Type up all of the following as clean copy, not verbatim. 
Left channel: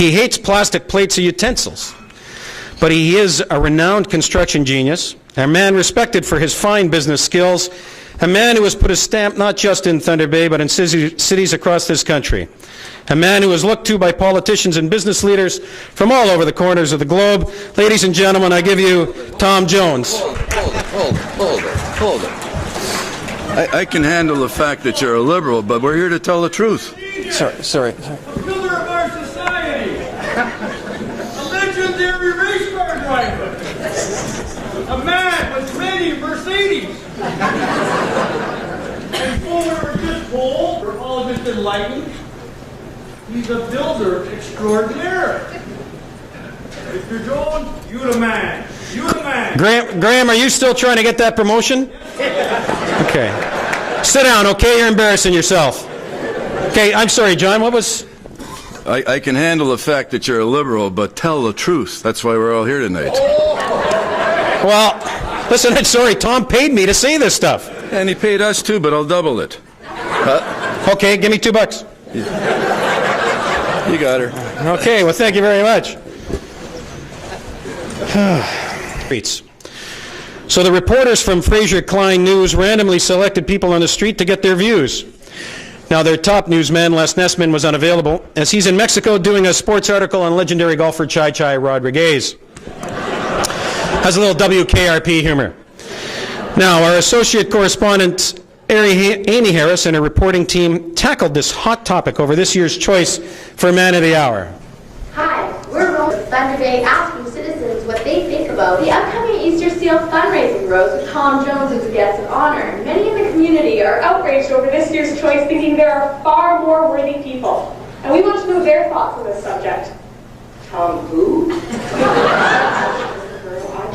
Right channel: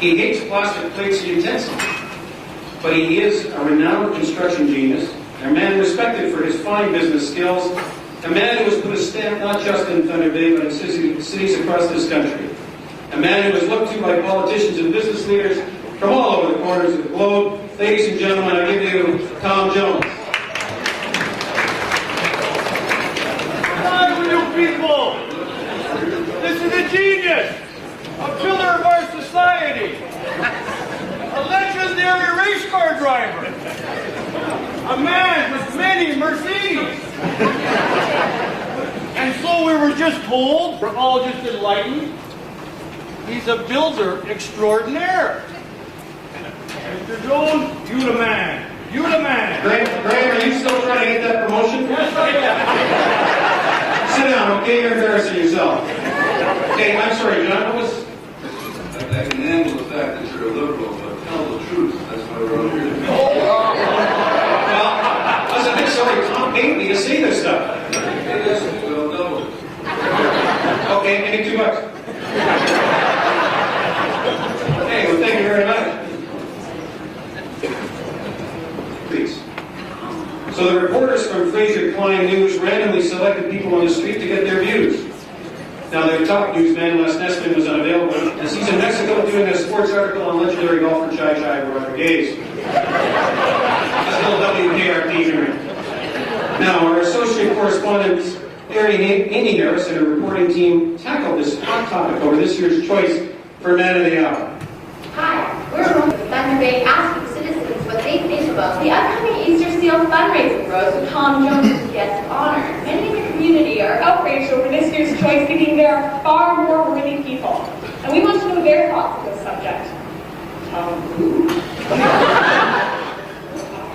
He hates plastic plates and utensils. But he is a renowned construction genius, a man respected for his fine business skills, a man who has put a stamp not just in Thunder Bay, but in cities across this country. A man who is looked to by politicians and business leaders from all over the corners of the globe. Ladies and gentlemen, I give you Tom Jones. I can handle the fact that you're a liberal, but we're here to tell the truth. Sorry. A pillar of our society. A legendary race car driver. A man with many Mercedes. And so we were just told, we're all just enlightened, he's a builder extraordinaire. Mr. Jones, you the man. You the man. Graham, are you still trying to get that promotion? Yes, I am. Okay. Sit down, okay? You're embarrassing yourself. Okay, I'm sorry, John, what was... I can handle the fact that you're a liberal, but tell the truth. That's why we're all here tonight. Well, listen, I'm sorry, Tom paid me to say this stuff. And he paid us too, but I'll double it. Okay, give me $2. You got her. Okay, well, thank you very much. Streets. So the reporters from Fraser Klein News randomly selected people on the street to get their views. Now, their top newsman, Les Nessman, was unavailable, as he's in Mexico doing a sports article on legendary golfer Chai Chai Rodriguez. Has a little WKRP humor. Now, our associate correspondent, Amy Harris, and her reporting team tackled this hot topic over this year's choice for Man of the Hour. Hi, we're from Thunder Bay asking citizens what they think about the upcoming Easter Seal fundraising rose with Tom Jones as guest of honor. Many in the community are outraged over this year's choice, thinking there are far more worthy people. And we want to know their thoughts on this subject. Tom who? I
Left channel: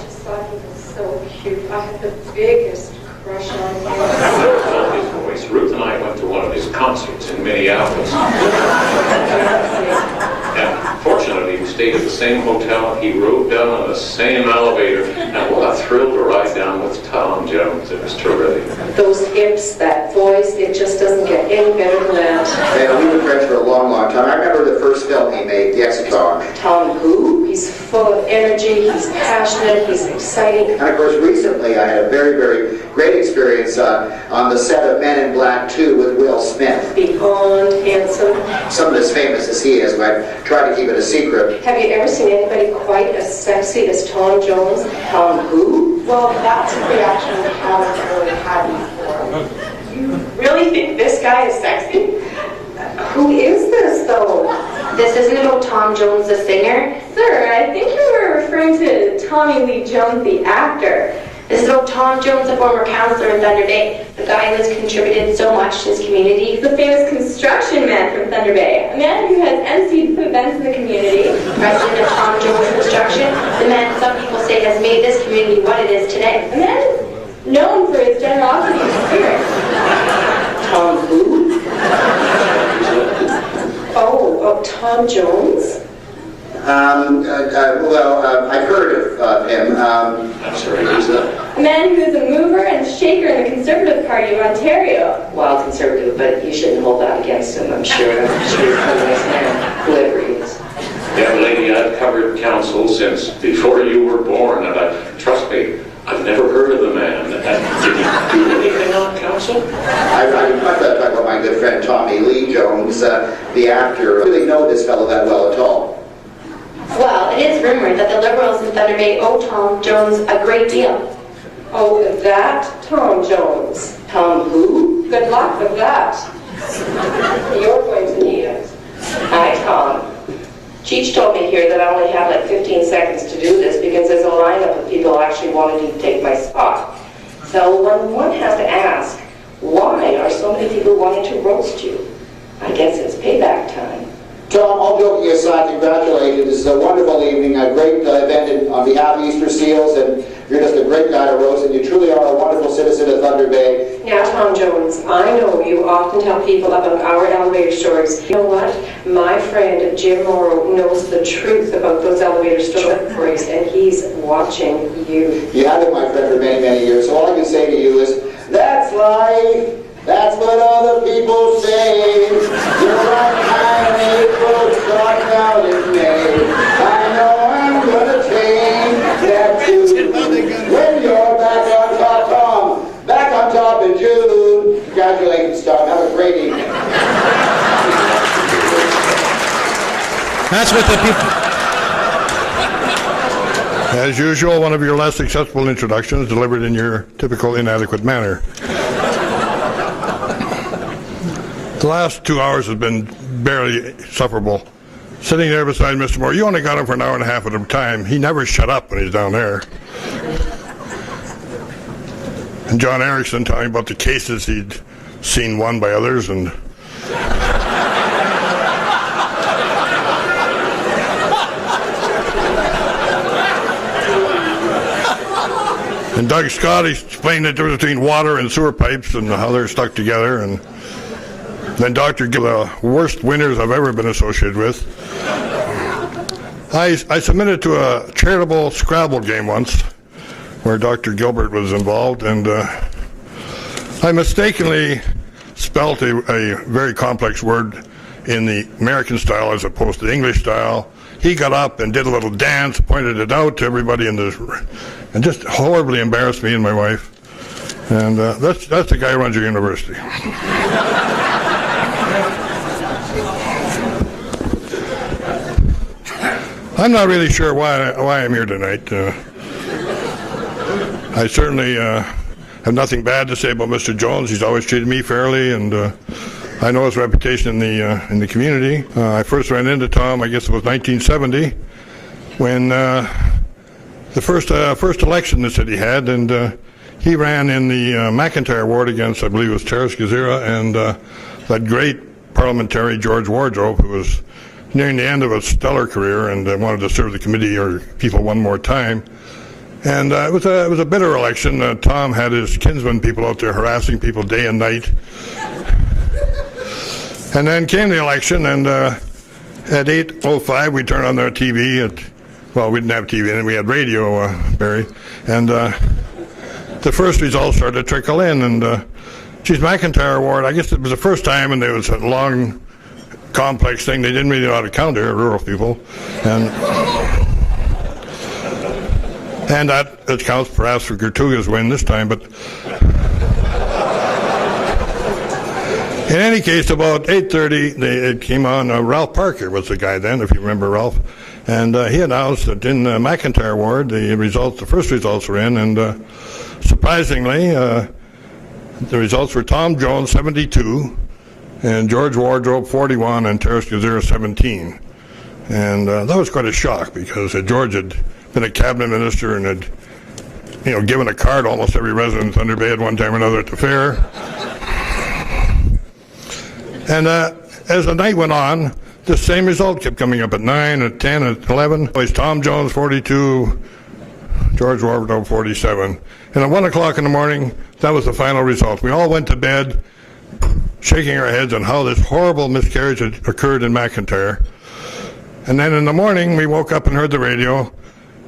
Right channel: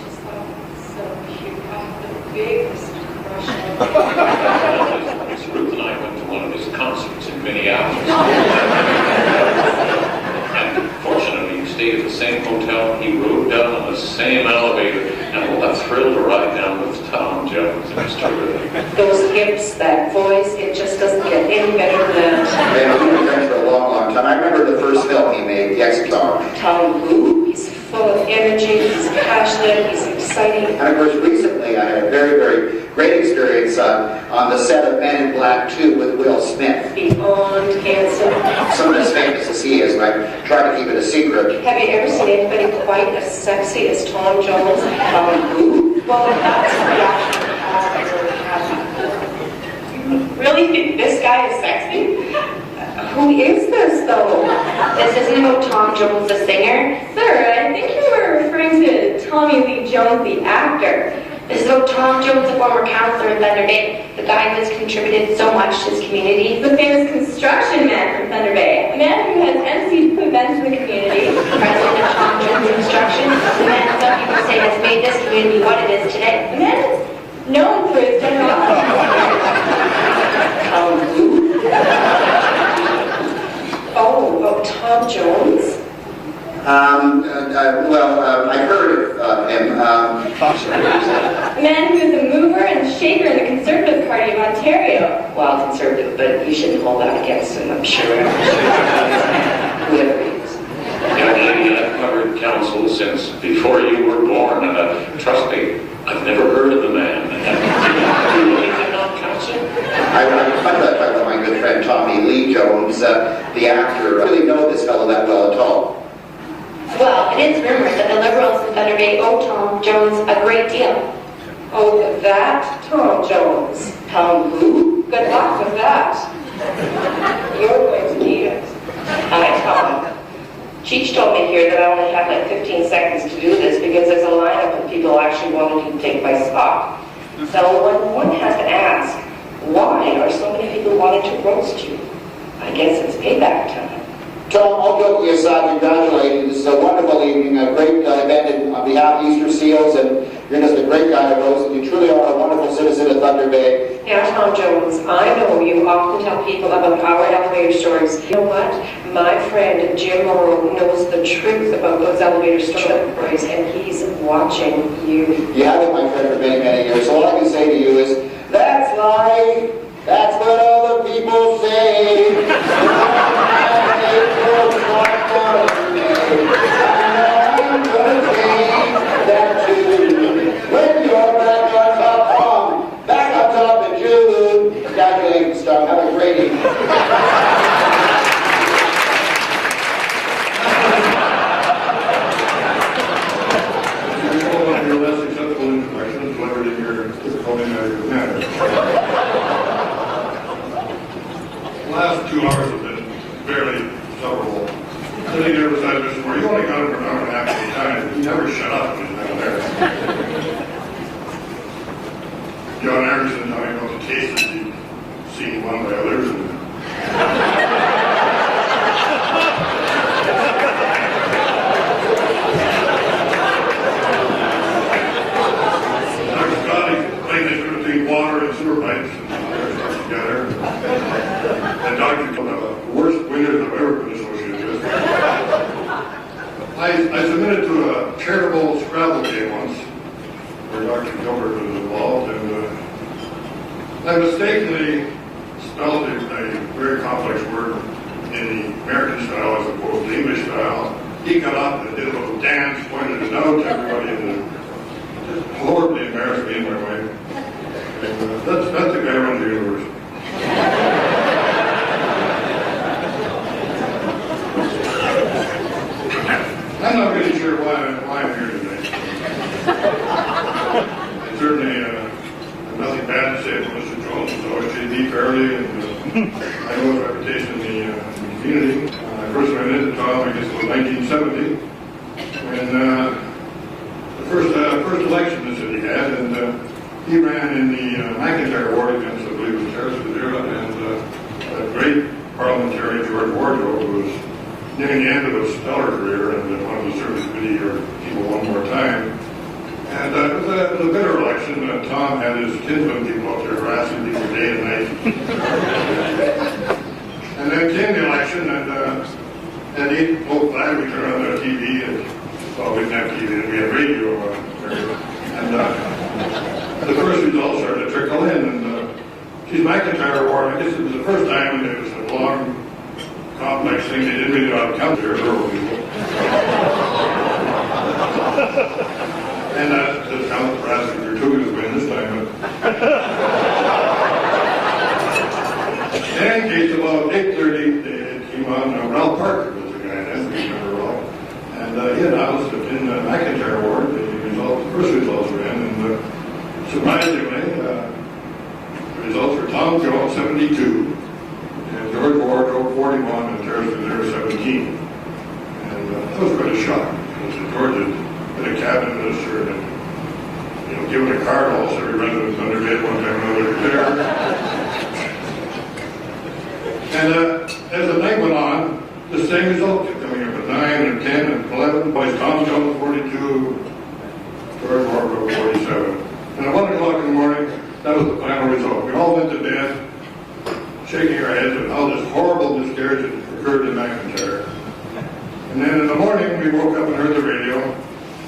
just thought he was so cute. I have the biggest crush on him. Ruth and I went to one of his concerts in Minneapolis. And fortunately, we stayed at the same hotel. He rode down on the same elevator. And what a thrill to ride down with Tom Jones. It was terrific. Those hips, that voice, it just doesn't get any better than that. And we've been friends for a long, long time. I remember the first film he made, The Exit Song. Tom who? He's full of energy, he's passionate, he's exciting. And of course, recently I had a very, very great experience on the set of Men in Black 2 with Will Smith. Beyond handsome. Someone as famous as he is, but I try to keep it a secret. Have you ever seen anybody quite as sexy as Tom Jones? Tom who? Well, that's a reaction that hasn't really had before. You really think this guy is sexy? Who is this, though? This isn't about Tom Jones, the singer. Sir, I think you were referring to Tommy Lee Jones, the actor. This is about Tom Jones, a former counselor in Thunder Bay, the guy who has contributed so much to his community. The famous construction man from Thunder Bay, a man who has emceed events in the community. President of Tom Jones Construction, the man some people say has made this community what it is today. A man known for his generosity and spirit. Tom who? Oh, Tom Jones? I heard of him. A man who is a mover and shaker in the Conservative Party of Ontario. Well, conservative, but you shouldn't hold that against him, I'm sure. Whoever he is. Young lady, I've covered council since before you were born. Trust me, I've never heard of the man. Did you do anything on council? I would talk about my good friend Tommy Lee Jones, the actor. I really know this fellow that well at all. Well, it is rumored that the Liberals in Thunder Bay owe Tom Jones a great deal. Oh, that Tom Jones. Tom who? Good luck with that. You're going to need it. Hi, Tom. Cheech told me here that I only have like 15 seconds to do this because there's a lineup of people who actually wanted to take my spot. So one has to ask, why are so many people wanting to roast you? I guess it's payback time. Tom, all joking aside, congratulate you. This is a wonderful evening, a great event on behalf of Easter Seals, and you're just a great guy to roast, and you truly are a wonderful citizen of Thunder Bay. Now, Tom Jones, I know you often tell people about our elevator stories. You know what? My friend Jim Mauro knows the truth about those elevator stories, and he's watching you. You have been my friend for many, many years, so all I can say to you is, that's life. That's what all the people say. You're all kind of dark out of me. that's what the people... As usual, one of your less successful introductions delivered in your typical inadequate manner. The last 2 hours have been barely sufferable. Sitting there beside Mr. Moore, you only got him for an hour and a half at a time. He never shut up when he's down there. And John Erickson telling about the cases he'd seen won by others, and Doug Scott explained the difference between water and sewer pipes and how they're stuck together. And then Dr. Gilbert, the worst winners I've ever been associated with. I submitted to a charitable Scrabble game once where Dr. Gilbert was involved, and I mistakenly spelt a very complex word in the American style as opposed to the English style. He got up and did a little dance, pointed it out to everybody in this room, and just horribly embarrassed me and my wife. And that's the guy who runs your university. I'm not really sure why I'm here tonight. I certainly have nothing bad to say about Mr. Jones. He's always treated me fairly, and I know his reputation in the community. I first ran into Tom, I guess it was 1970, when the first election the city had, and he ran in the McIntyre ward against, I believe it was Terrace Gazera, and that great parliamentary George Wardrobe, who was nearing the end of a stellar career and wanted to serve the committee or people one more time. And it was a bitter election. Tom had his kinsman people out there harassing people day and night. And then came the election, and at 8:05 we turned on our TV. Well, we didn't have TV then, we had radio, Barry. And the first results started to trickle in. And geez, McIntyre ward, I guess it was the first time, and it was a long, complex thing. They didn't really know how to count there, rural people. And that counts perhaps for Gertruga's win this time, but in any case, about 8:30, it came on. Ralph Parker was the guy then, if you remember Ralph, and he announced that in McIntyre ward, the first results were in, and surprisingly, the results were Tom Jones 72, and George Wardrobe 41, and Terrace Gazera 17, and that was quite a shock because George had been a cabinet minister and had, given a card to almost every resident in Thunder Bay at one time or another at the fair. And as the night went on, the same result kept coming up at 9, at 10, at 11. It was Tom Jones 42, George Wardrobe 47. And at 1 o'clock in the morning, that was the final result. We all went to bed shaking our heads on how this horrible miscarriage had occurred in McIntyre. And then in the morning, we woke up and heard the radio.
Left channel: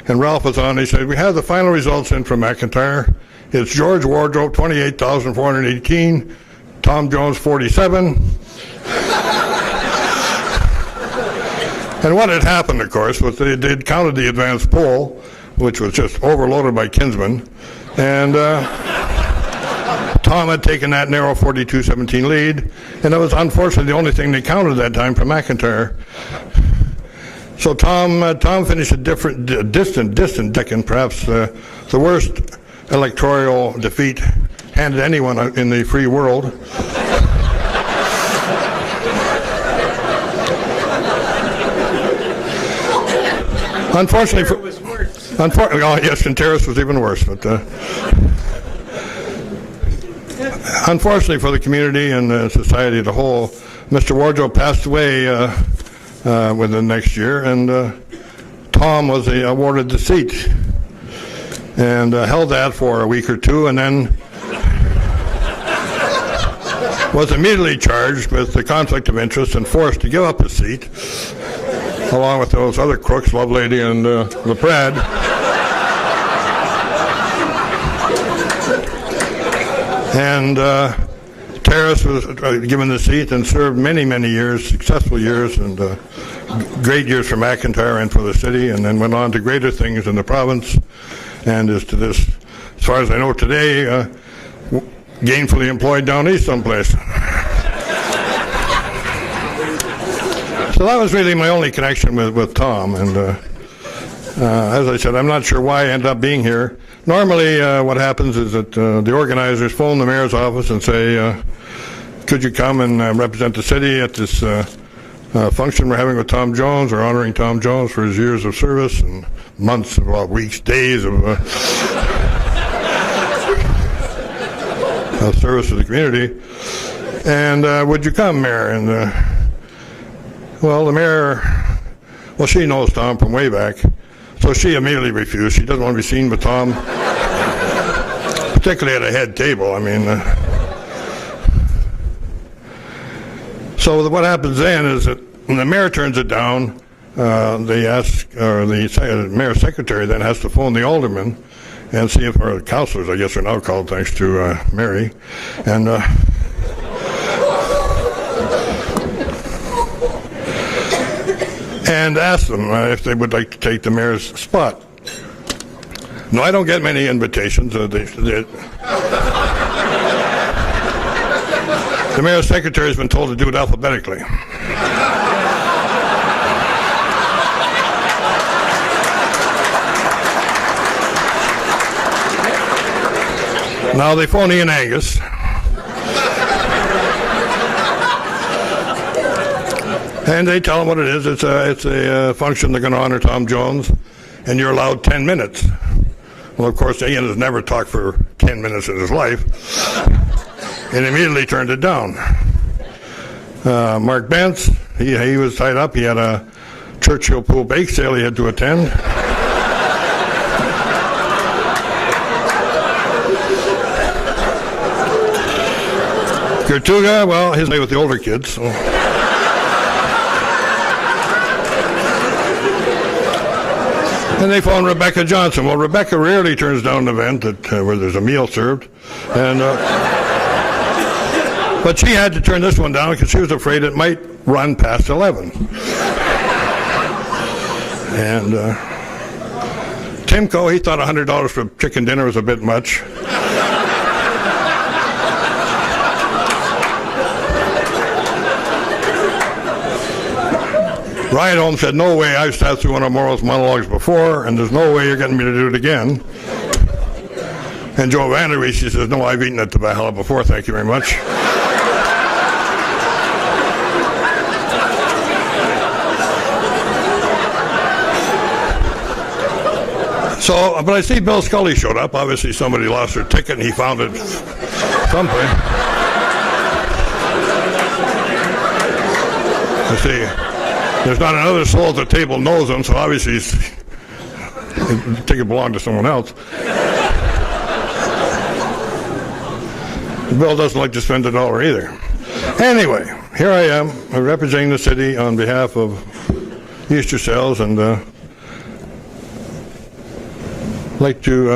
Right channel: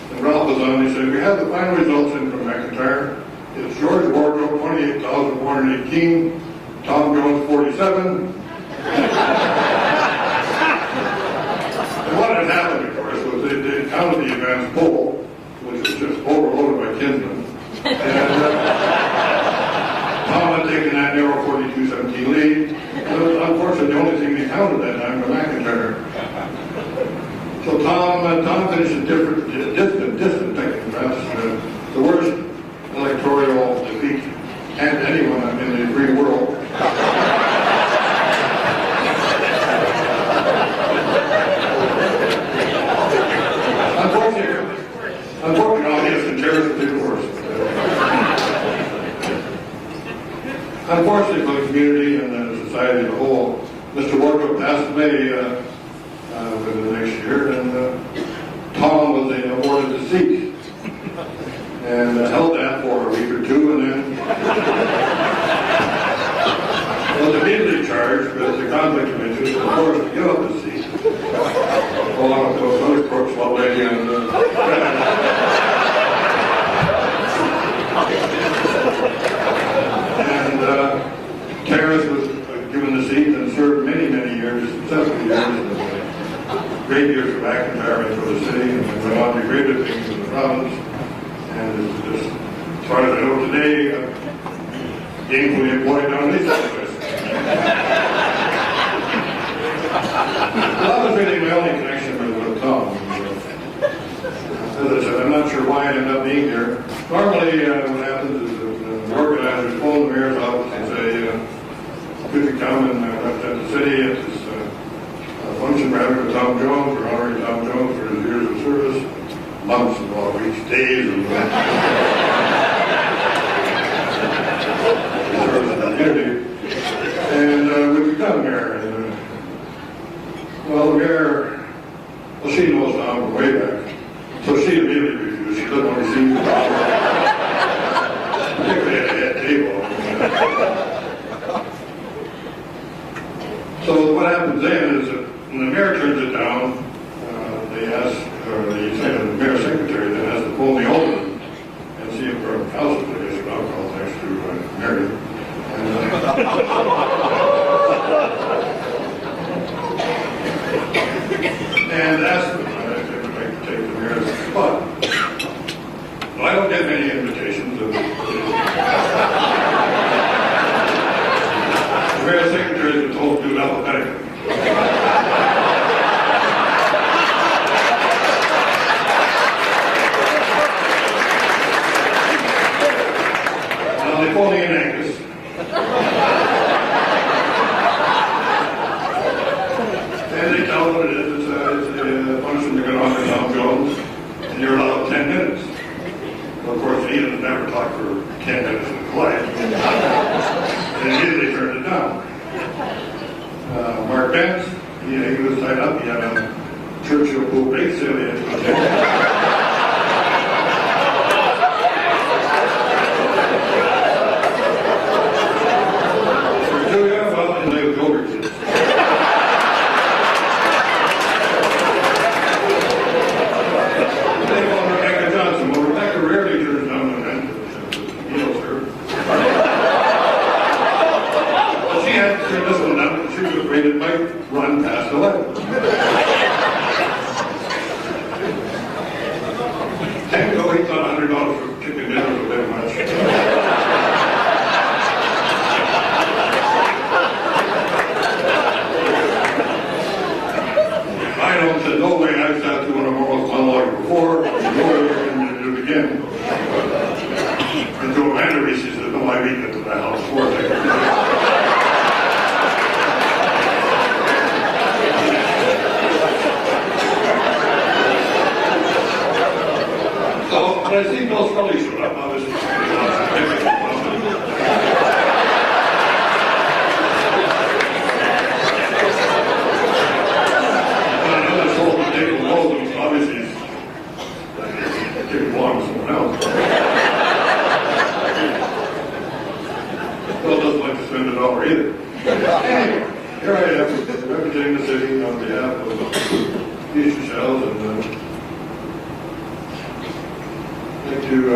And Ralph was on, he said, we have the final results in from McIntyre. It's George Wardrobe, 28,418, Tom Jones, 47. And what had happened, of course, was they'd counted the advanced poll, which was just overloaded by kinsmen. And Tom had taken that narrow 42-17 lead, and it was unfortunately the only thing they counted that time for McIntyre. So Tom finished a distant second, perhaps the worst electoral defeat handed anyone in the free world. Unfortunately, yes, and Terrace was even worse. But, unfortunately for the community and society as a whole, Mr. Wardrobe passed away within the next year, and Tom was awarded the seat and held that for a week or two, and then was immediately charged with the conflict of interest and forced to give up his seat, along with those other crooks, Lovelady and LePrad. And Terrace was given the seat and served many, many years, successful years, and great years for McIntyre and for the city, and then went on to greater things in the province, and is to this, as far as I know today, gainfully employed down east someplace. So that was really my only connection with Tom. And as I said, I'm not sure why I end up being here. Normally, what happens is that the organizers phone the mayor's office and say, could you come and represent the city at this function we're having with Tom Jones. We're honoring Tom Jones for his years of service, months, well, weeks, days of service in the community. And would you come, Mayor? And well, the mayor, well, she knows Tom from way back, so she immediately refused. She doesn't want to be seen with Tom, particularly at a head table. I mean, so what happens then is that when the mayor turns it down, they ask, or the mayor's secretary then has to phone the alderman and see if our councillors, I guess, are now called thanks to Mary, and ask them if they would like to take the mayor's spot. No, I don't get many invitations. The mayor's secretary has been told to do it alphabetically. Now they phone Ian Angus. And they tell him what it is. It's a function they're going to honor Tom Jones, and you're allowed 10 minutes. Well, of course, Ian has never talked for 10 minutes in his life, and immediately turned it down. Mark Bentz, he was tied up. He had a Churchill pool bake sale he had to attend. Gertuga, well, his name with the older kids. So. And they phone Rebecca Johnson. Well, Rebecca rarely turns down an event where there's a meal served. And, but she had to turn this one down because she was afraid it might run past 11. And Timko, he thought $100 for chicken dinner was a bit much. Ryan Holmes said, no way, I've sat through one of Mauro's monologues before, and there's no way you're getting me to do it again. And Joe Vanderwees, he says, no, I've eaten at the Valhalla before, thank you very much. So, but I see Bill Scully showed up. Obviously somebody lost their ticket, he found it something. You see, there's not another soul at the table knows him, so obviously the ticket belonged to someone else. Bill doesn't like to spend $1 either. Anyway, here I am representing the city on behalf of Easter Sales, and I'd like to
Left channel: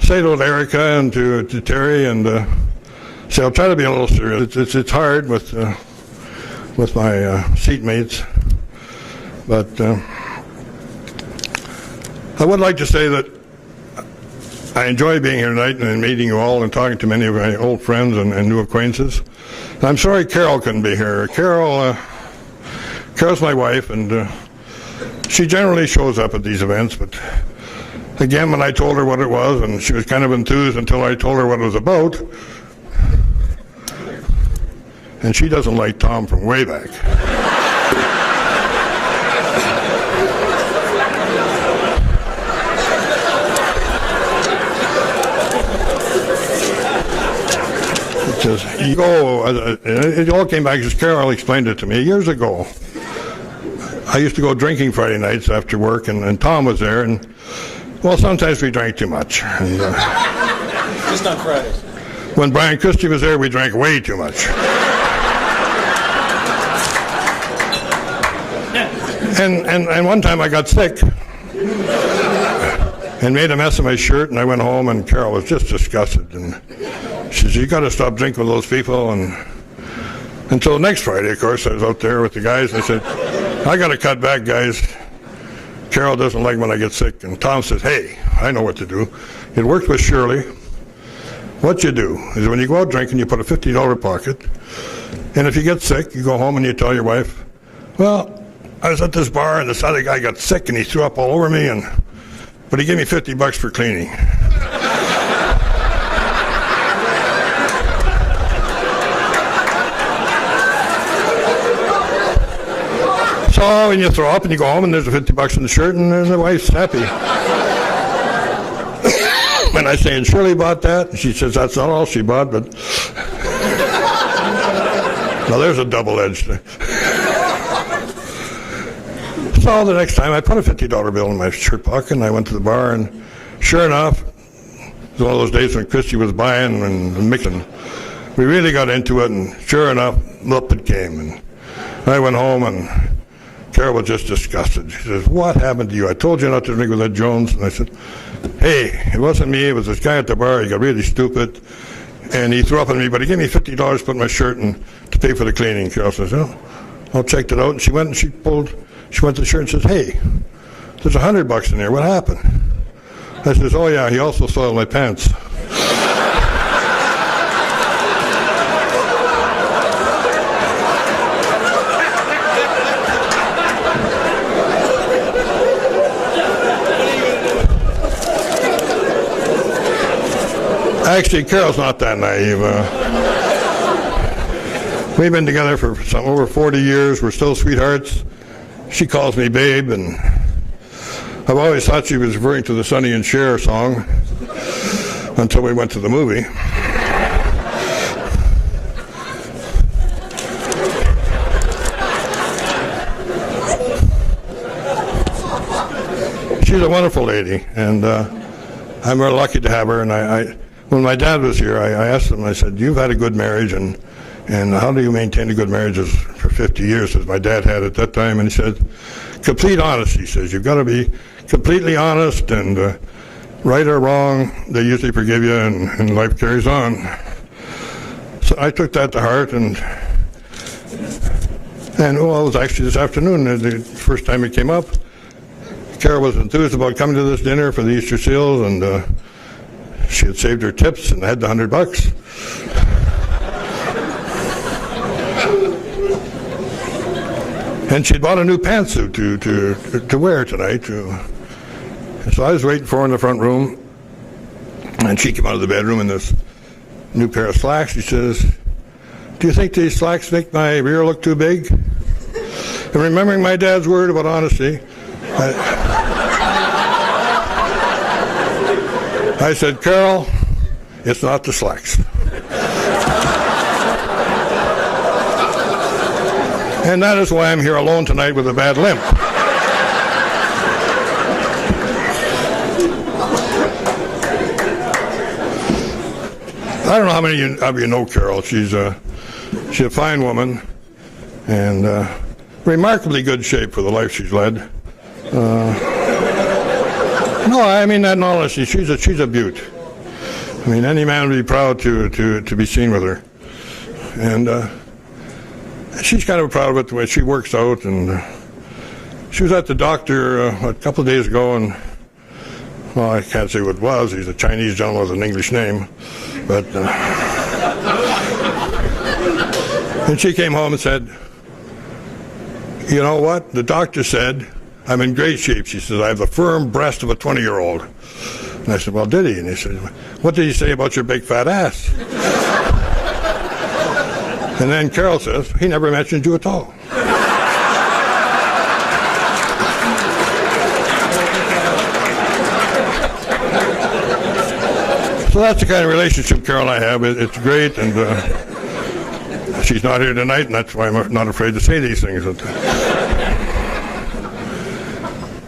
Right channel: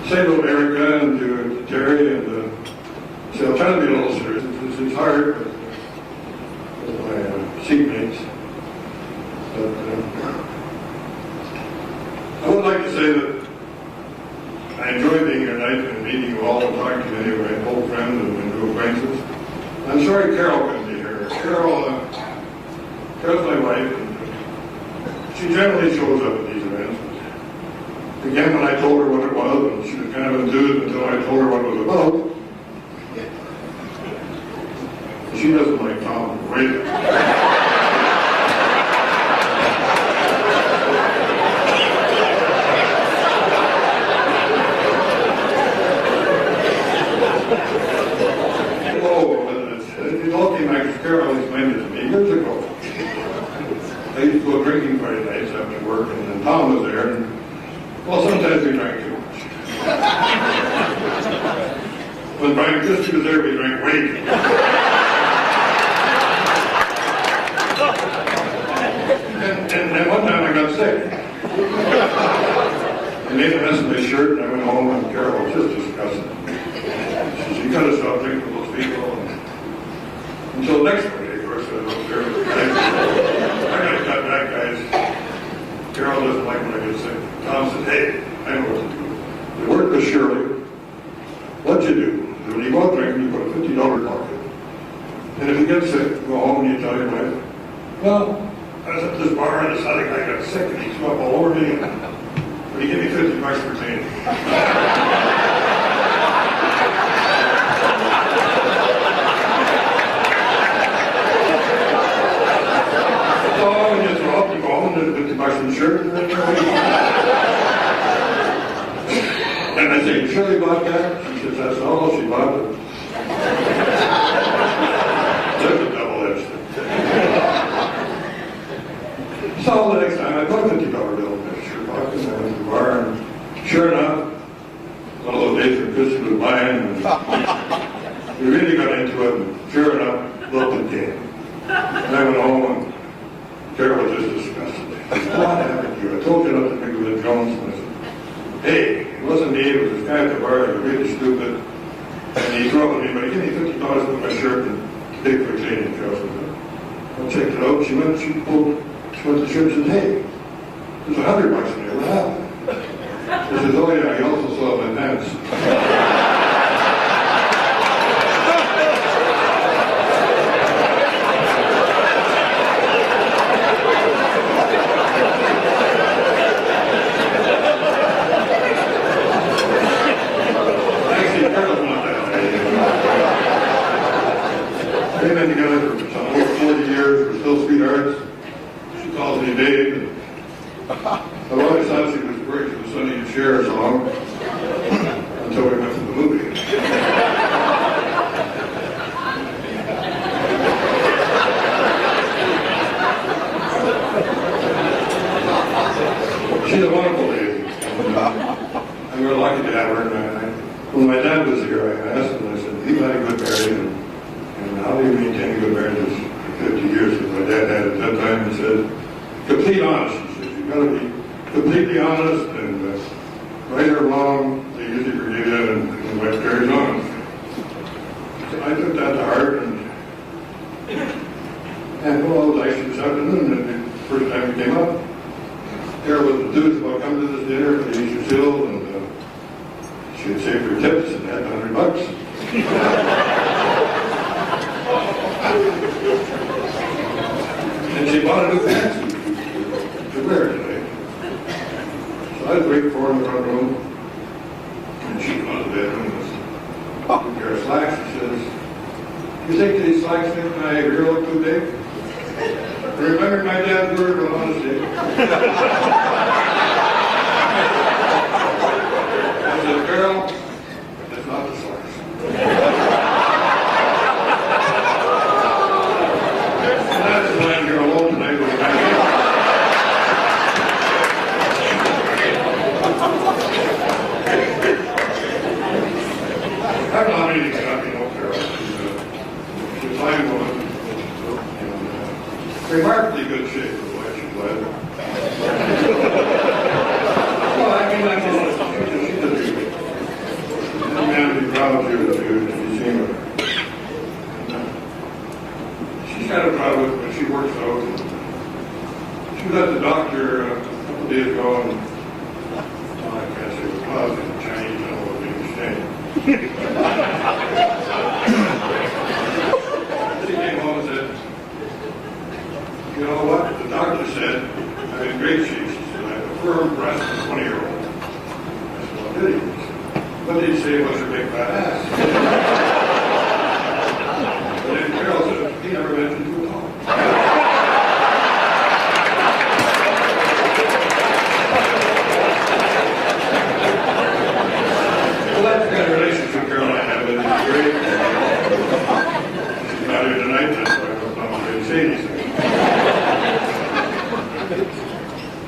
say to Erica and to Terry, and say I'll try to be a little serious. It's hard with my seatmates, but I would like to say that I enjoy being here tonight and meeting you all and talking to many of my old friends and new acquaintances. I'm sorry Carol couldn't be here. Carol's my wife, and she generally shows up at these events, but again, when I told her what it was, and she was kind of enthused until I told her what it was about, and she doesn't like Tom from way back. You go, it all came back because Carol explained it to me years ago. I used to go drinking Friday nights after work, and Tom was there, and well, sometimes we drank too much. And, Just not Friday. When Brian Christie was there, we drank way too much. And one time I got sick and made a mess of my shirt, and I went home, and Carol was just disgusted. And she said, you got to stop drinking with those people. And until next Friday, of course, I was out there with the guys, and I said, I got to cut back, guys. Carol doesn't like when I get sick. And Tom said, hey, I know what to do. It worked with Shirley. What you do is when you go out drinking, you put a $50 pocket, And if you get sick, you go home and you tell your wife, well, I was at this bar and this other guy got sick and he threw up all over me, but he gave me $50 for cleaning. So when you throw up and you go home and there's a $50 in the shirt and the wife's happy. When I say, and Shirley bought that, she says that's not all she bought, but well, there's a double-edged thing. So the next time I put a $50 bill in my shirt pocket and I went to the bar, and sure enough, it was one of those days when Christy was buying and Mick. We really got into it, and sure enough, Lupton came. And I went home and Carol was just disgusted. She says, what happened to you? I told you not to drink with that Jones. And I said, hey, it wasn't me, it was this guy at the bar. He got really stupid, and he threw up on me, but he gave me $50 to put in my shirt and to pay for the cleaning. Carol says, oh, I'll check it out. She went and she went to the shirt and says, hey, there's $100 in there. What happened? I says, oh yeah, he also soiled my pants. Actually, Carol's not that naive. We've been together for over 40 years. We're still sweethearts. She calls me babe, and I've always thought she was referring to the Sonny and Cher song until we went to the movie. She's a wonderful lady, and I'm very lucky to have her. And when my dad was here, I asked him, I said, you've had a good marriage, and how do you maintain a good marriage for 50 years that my dad had at that time? And he said, complete honesty. He says, you've got to be completely honest, and right or wrong, they usually forgive you, and life carries on. So I took that to heart, and well, it was actually this afternoon, the first time it came up. Carol was enthused about coming to this dinner for the Easter seals, and she had saved her tips and had the $100. And she bought a new pantsuit to wear tonight. So I was waiting for her in the front room, and she came out of the bedroom in this new pair of slacks. She says, do you think these slacks make my rear look too big? And remembering my dad's word about honesty, I said, Carol, it's not the slacks. And that is why I'm here alone tonight with a bad limp. I don't know how many of you know Carol. She's a fine woman and remarkably good shape for the life she's led. No, I mean that in all honesty. She's a beaut. I mean, any man would be proud to be seen with her. And she's kind of proud of it, the way she works out. And she was at the doctor a couple of days ago, and well, I can't say what it was. He's a Chinese gentleman with an English name. But and she came home and said, you know what? The doctor said I'm in great shape. She says, I have the firm breast of a 20-year-old. And I said, well, did he? And he said, what did he say about your big fat ass? And then Carol says, he never mentioned you at all. So that's the kind of relationship Carol and I have. It's great, and she's not here tonight, and that's why I'm not afraid to say these things.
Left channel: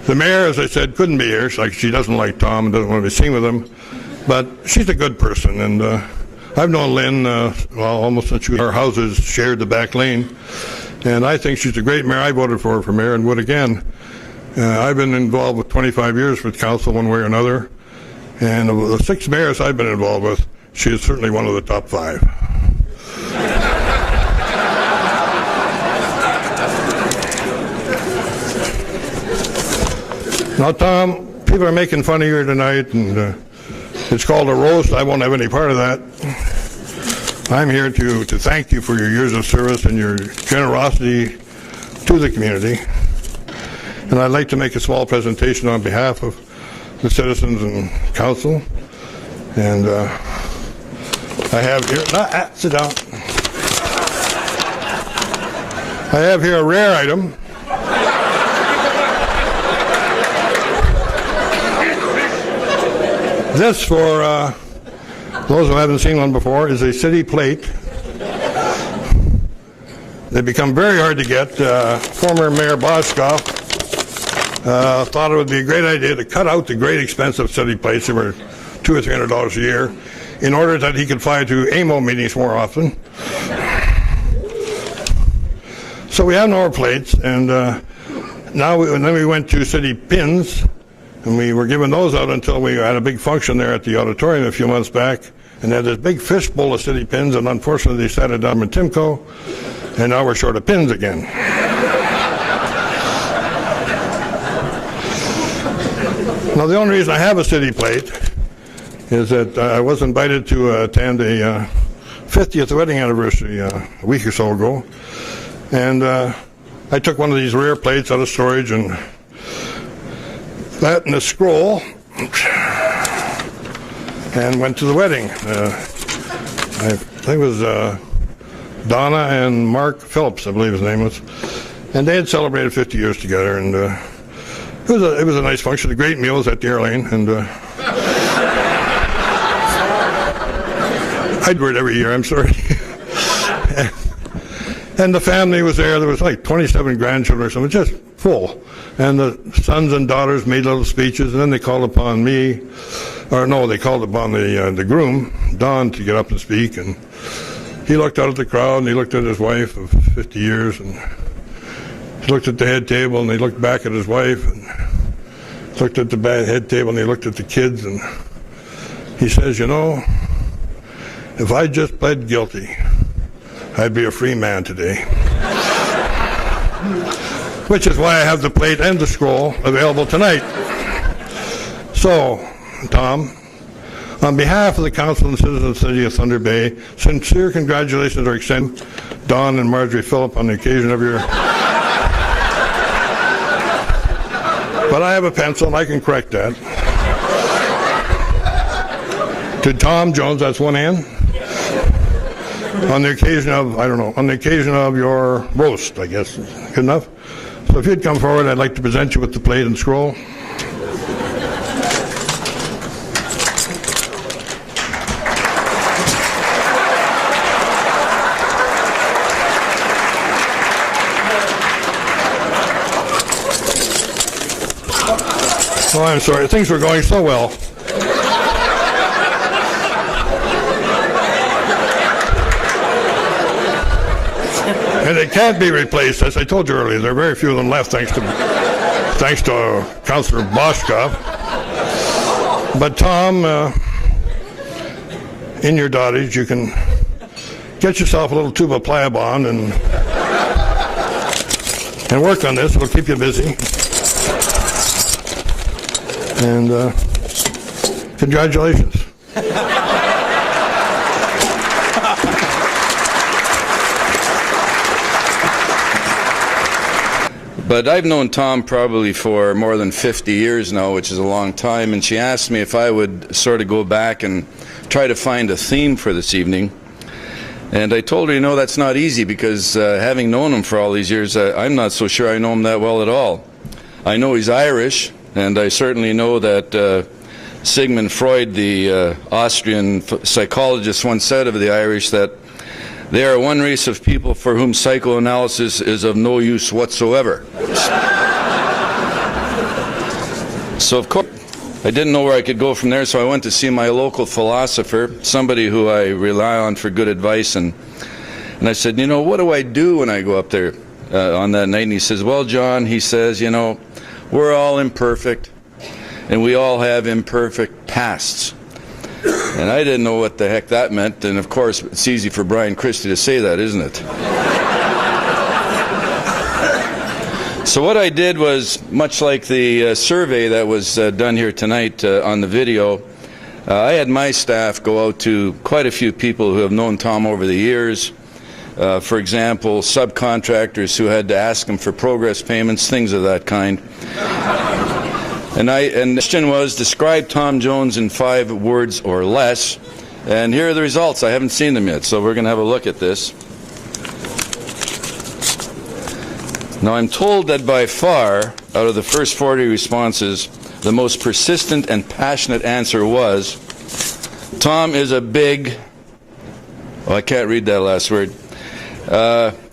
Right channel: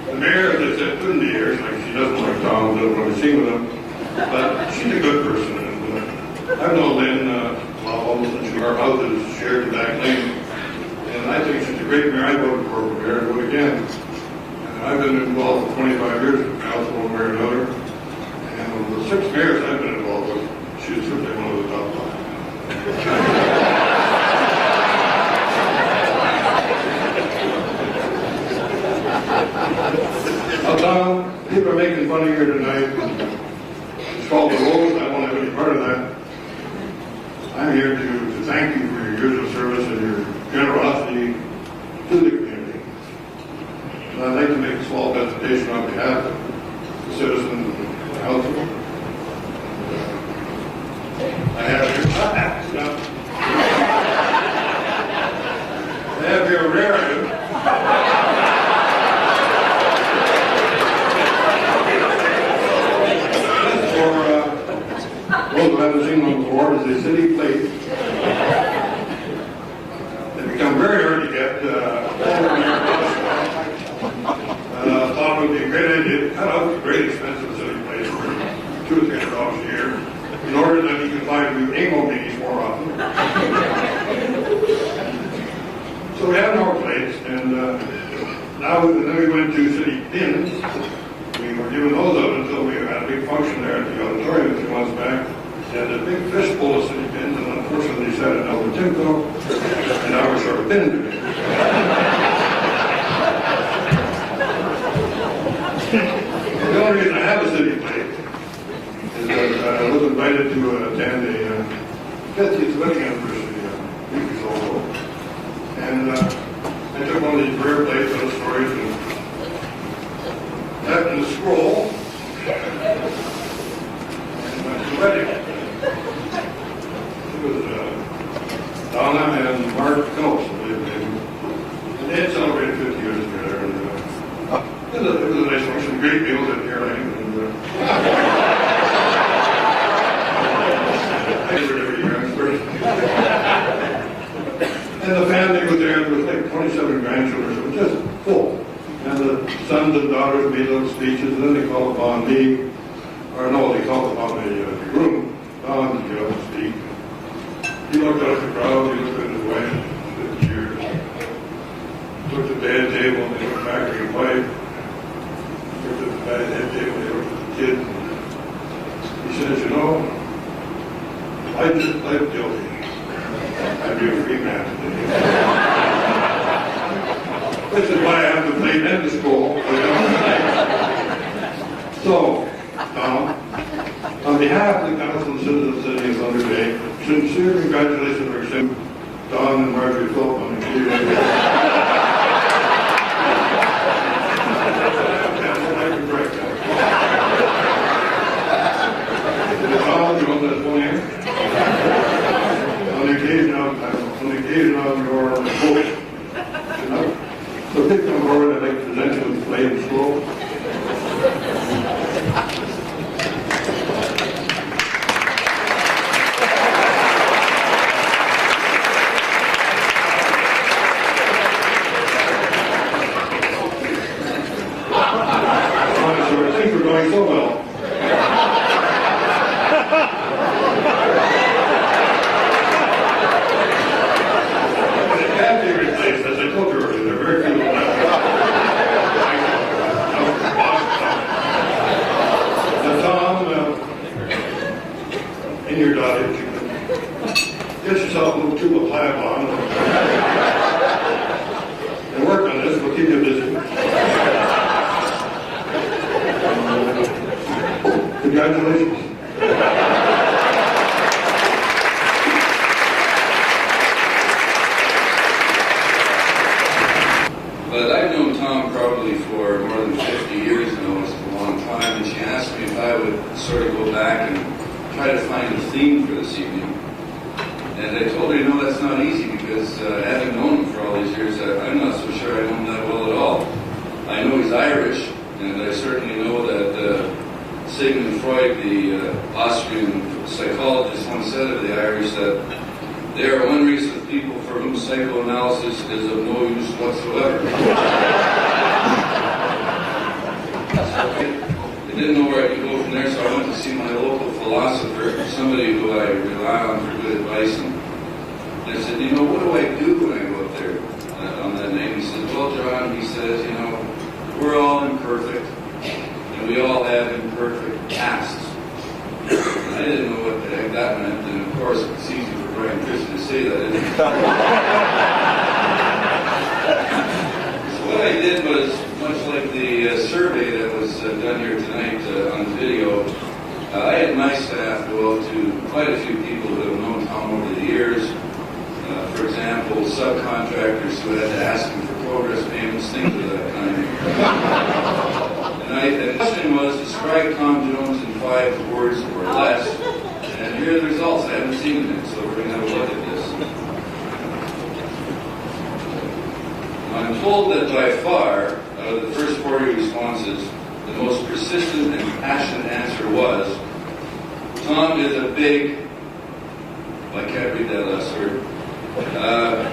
The mayor, as I said, couldn't be here. She doesn't like Tom, doesn't want to be seen with him, but she's a good person, and I've known Lynn almost since our houses shared the back lane, and I think she's a great mayor. I voted for her for mayor and would again. I've been involved with 25 years with council one way or another, and of the 6 mayors I've been involved with, she is certainly one of the top 5. Now, Tom, people are making fun of you tonight, and it's called a roast. I won't have any part of that. I'm here to thank you for your years of service and your generosity to the community. And I'd like to make a small presentation on behalf of the citizens and council. And I have here, sit down. I have here a rare item. This, for those who haven't seen one before, is a city plate. They become very hard to get. Former Mayor Boskoff thought it would be a great idea to cut out the great expensive city plates. They were $200 or $300 a year, in order that he could fly to AMO meetings more often. So we had no more plates, and then we went to city pins, and we were giving those out until we had a big function there at the auditorium a few months back, and they had this big fishbowl of city pins, and unfortunately they sat it down with Timco, and now we're short of pins again. Now the only reason I have a city plate is that I was invited to attend a 50th wedding anniversary a week or so ago, and I took one of these rare plates out of storage and that in a scroll and went to the wedding. I think it was Donna and Mark Phillips, I believe his name was, and they had celebrated 50 years together, and it was a nice function, great meals at the airline, and I do it every year, I'm sorry. And the family was there. There was like 27 grandchildren, so it was just full. And the sons and daughters made little speeches, and then they called upon me, or no, they called upon the groom, Don, to get up and speak. And he looked out at the crowd, and he looked at his wife, 50 years. He looked at the head table, and he looked back at his wife. He looked at the head table, and he looked at the kids, and he says, you know, if I just pled guilty, I'd be a free man today. Which is why I have the plate and the scroll available tonight. So, Tom, on behalf of the council and citizens of the city of Thunder Bay, sincere congratulations are extended to Don and Marjorie Phillip on the occasion of your... But I have a pencil, I can correct that. To Tom Jones, that's one N. On the occasion of, I don't know, on the occasion of your roast, I guess. Good enough? So if you'd come forward, I'd like to present you with the plate and scroll. Oh, I'm sorry, things were going so well. Can't be replaced. As I told you earlier, there are very few of them left, thanks to Councillor Boskoff. But Tom, in your dotage, you can get yourself a little tube of Pliabond and work on this. It'll keep you busy. And congratulations. But I've known Tom probably for more than 50 years now, which is a long time, and she asked me if I would sort of go back and try to find a theme for this evening. And I told her, you know, that's not easy, because having known him for all these years, I'm not so sure I know him that well at all. I know he's Irish, and I certainly know that Sigmund Freud, the Austrian psychologist, once said of the Irish that they are one race of people for whom psychoanalysis is of no use whatsoever. So of course, I didn't know where I could go from there, so I went to see my local philosopher, somebody who I rely on for good advice, and I said, you know, what do I do when I go up there on that night? And he says, well, John, he says, you know, we're all imperfect, and we all have imperfect pasts. And I didn't know what the heck that meant, and of course it's easy for Brian Christie to say that, isn't it? So what I did was, much like the survey that was done here tonight on the video, I had my staff go out to quite a few people who have known Tom over the years. For example, subcontractors who had to ask him for progress payments, things of that kind. And the question was, describe Tom Jones in 5 words or less. And here are the results. I haven't seen them yet, so we're going to have a look at this. Now, I'm told that by far, out of the first 40 responses, the most persistent and passionate answer was, Tom is a big... Oh, I can't read that last word.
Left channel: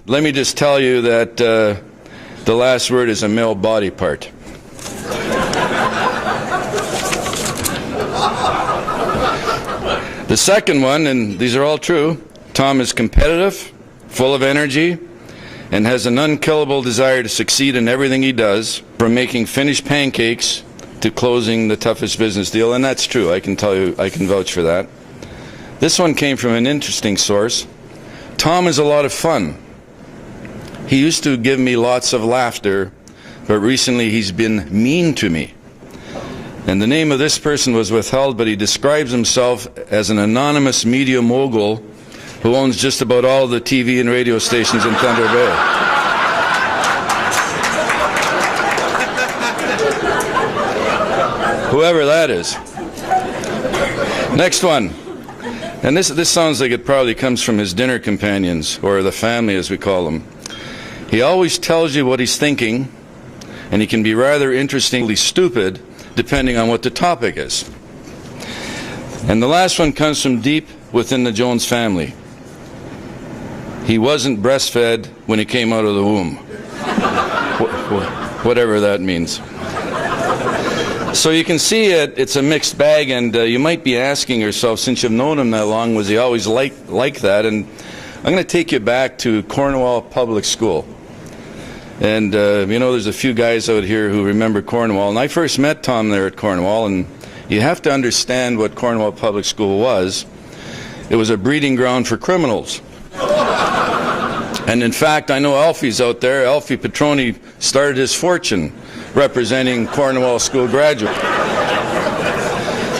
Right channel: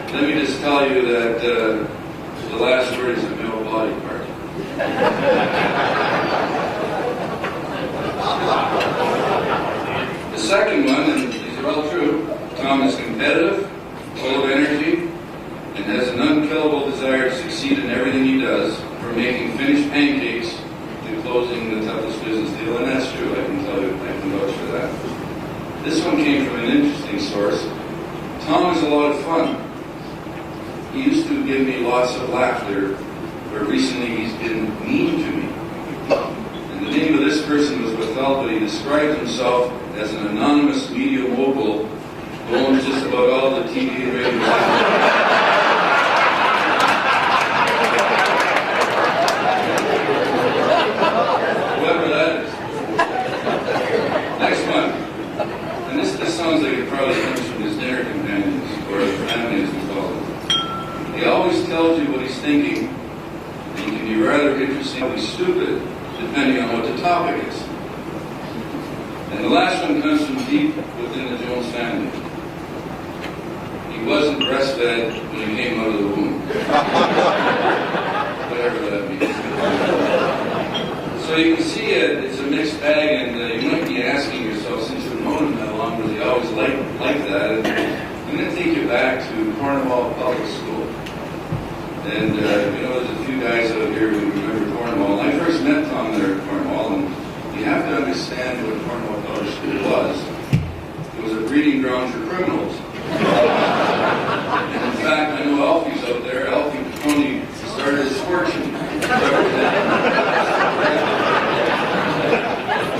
Let me just tell you that the last word is a male body part. The second one, and these are all true, Tom is competitive, full of energy, and has an unkillable desire to succeed in everything he does, from making finished pancakes to closing the toughest business deal, and that's true. I can tell you, I can vouch for that. This one came from an interesting source. Tom is a lot of fun. He used to give me lots of laughter, but recently he's been mean to me. And the name of this person was withheld, but he describes himself as an anonymous media mogul who owns just about all the TV and radio stations in Thunder Bay. Whoever that is. Next one. And this sounds like it probably comes from his dinner companions, or the family as we call them. He always tells you what he's thinking, and he can be rather interestingly stupid depending on what the topic is. And the last one comes from deep within the Jones family. He wasn't breastfed when he came out of the womb. Whatever that means. So you can see it's a mixed bag, and you might be asking yourself, since you've known him that long, was he always like that? And I'm going to take you back to Cornwall Public School. And you know, there's a few guys out here who remember Cornwall. And I first met Tom there at Cornwall, and you have to understand what Cornwall Public School was. It was a breeding ground for criminals. And in fact, I know Alfie's out there. Alfie Petroni started his fortune representing Cornwall School graduates.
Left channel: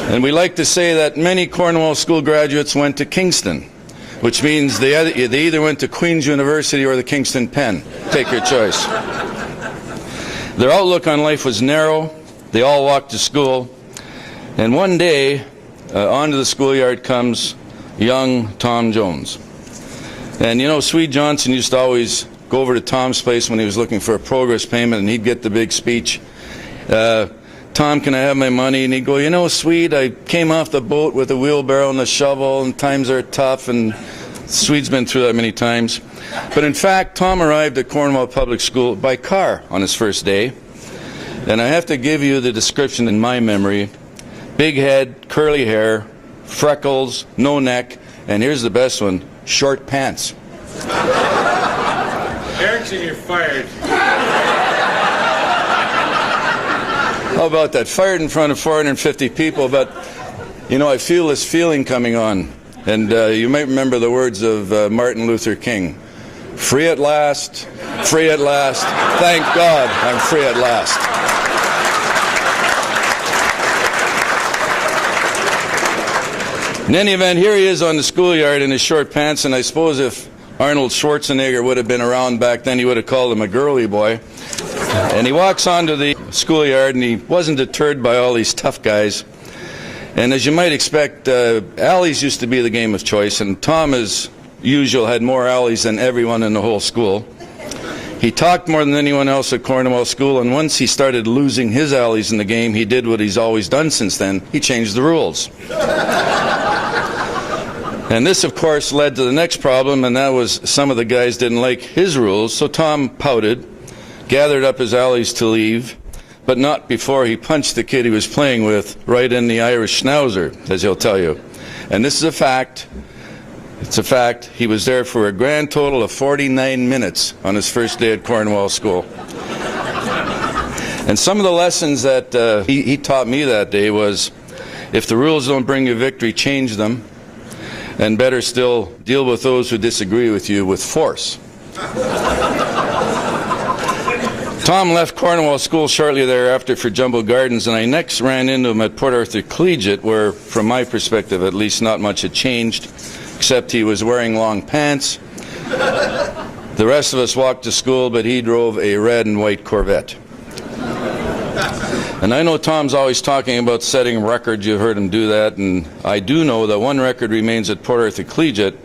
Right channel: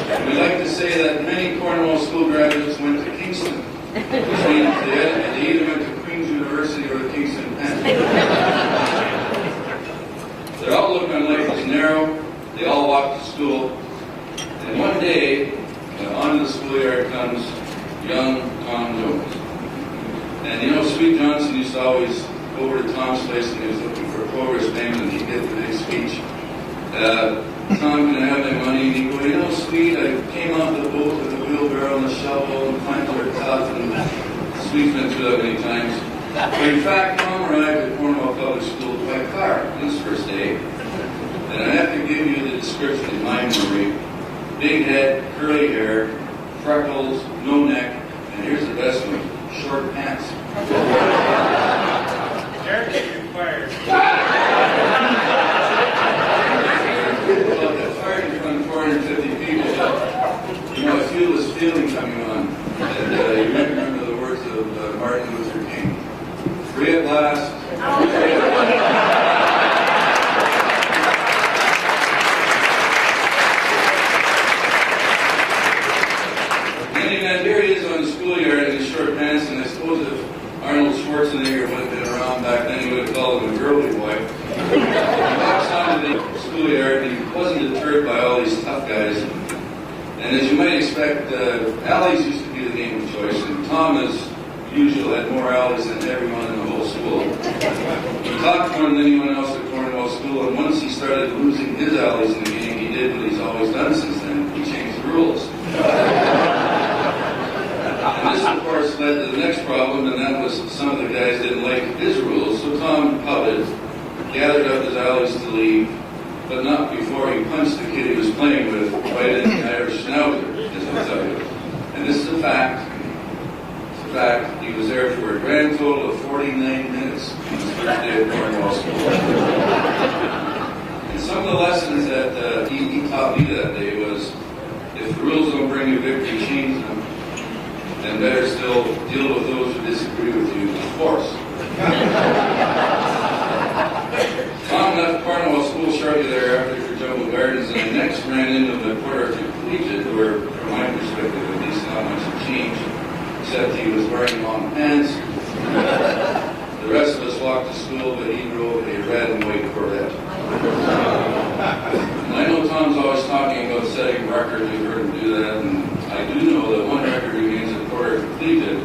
And we like to say that many Cornwall School graduates went to Kingston, which means they either went to Queen's University or the Kingston Penn. Take your choice. Their outlook on life was narrow. They all walked to school. And one day, onto the schoolyard comes young Tom Jones. And you know, Swede Johnson used to always go over to Tom's place when he was looking for a progress payment, and he'd get the big speech. Tom, can I have my money? And he'd go, you know, Swede, I came off the boat with a wheelbarrow and a shovel, and times are tough, and Swede's been through that many times. But in fact, Tom arrived at Cornwall Public School by car on his first day. And I have to give you the description in my memory. Big head, curly hair, freckles, no neck, and here's the best one, short pants. Erickson, you're fired. How about that? Fired in front of 450 people, but you know, I feel this feeling coming on. And you might remember the words of Martin Luther King. Free at last, free at last. Thank God I'm free at last. In any event, here he is on the schoolyard in his short pants, and I suppose if Arnold Schwarzenegger would have been around back then, he would have called him a girly boy. And he walks onto the schoolyard, and he wasn't deterred by all these tough guys. And as you might expect, alleys used to be the game of choice, and Tom, as usual, had more alleys than everyone in the whole school. He talked more than anyone else at Cornwall School, and once he started losing his alleys in the game, he did what he's always done since then. He changed the rules. And this, of course, led to the next problem, and that was some of the guys didn't like his rules, so Tom pouted, gathered up his alleys to leave, but not before he punched the kid he was playing with right in the Irish schnauzer, as he'll tell you. And this is a fact. It's a fact. He was there for a grand total of 49 minutes on his first day at Cornwall School. And some of the lessons that he taught me that day was, if the rules don't bring you victory, change them. And better still, deal with those who disagree with you with force. Tom left Cornwall School shortly thereafter for Jumbo Gardens, and I next ran into him at Port Arthur Collegiate, where, from my perspective at least, not much had changed, except he was wearing long pants. The rest of us walked to school, but he drove a red and white Corvette. And I know Tom's always talking about setting records. You've heard him do that, and I do know that one record remains at Port Arthur Collegiate,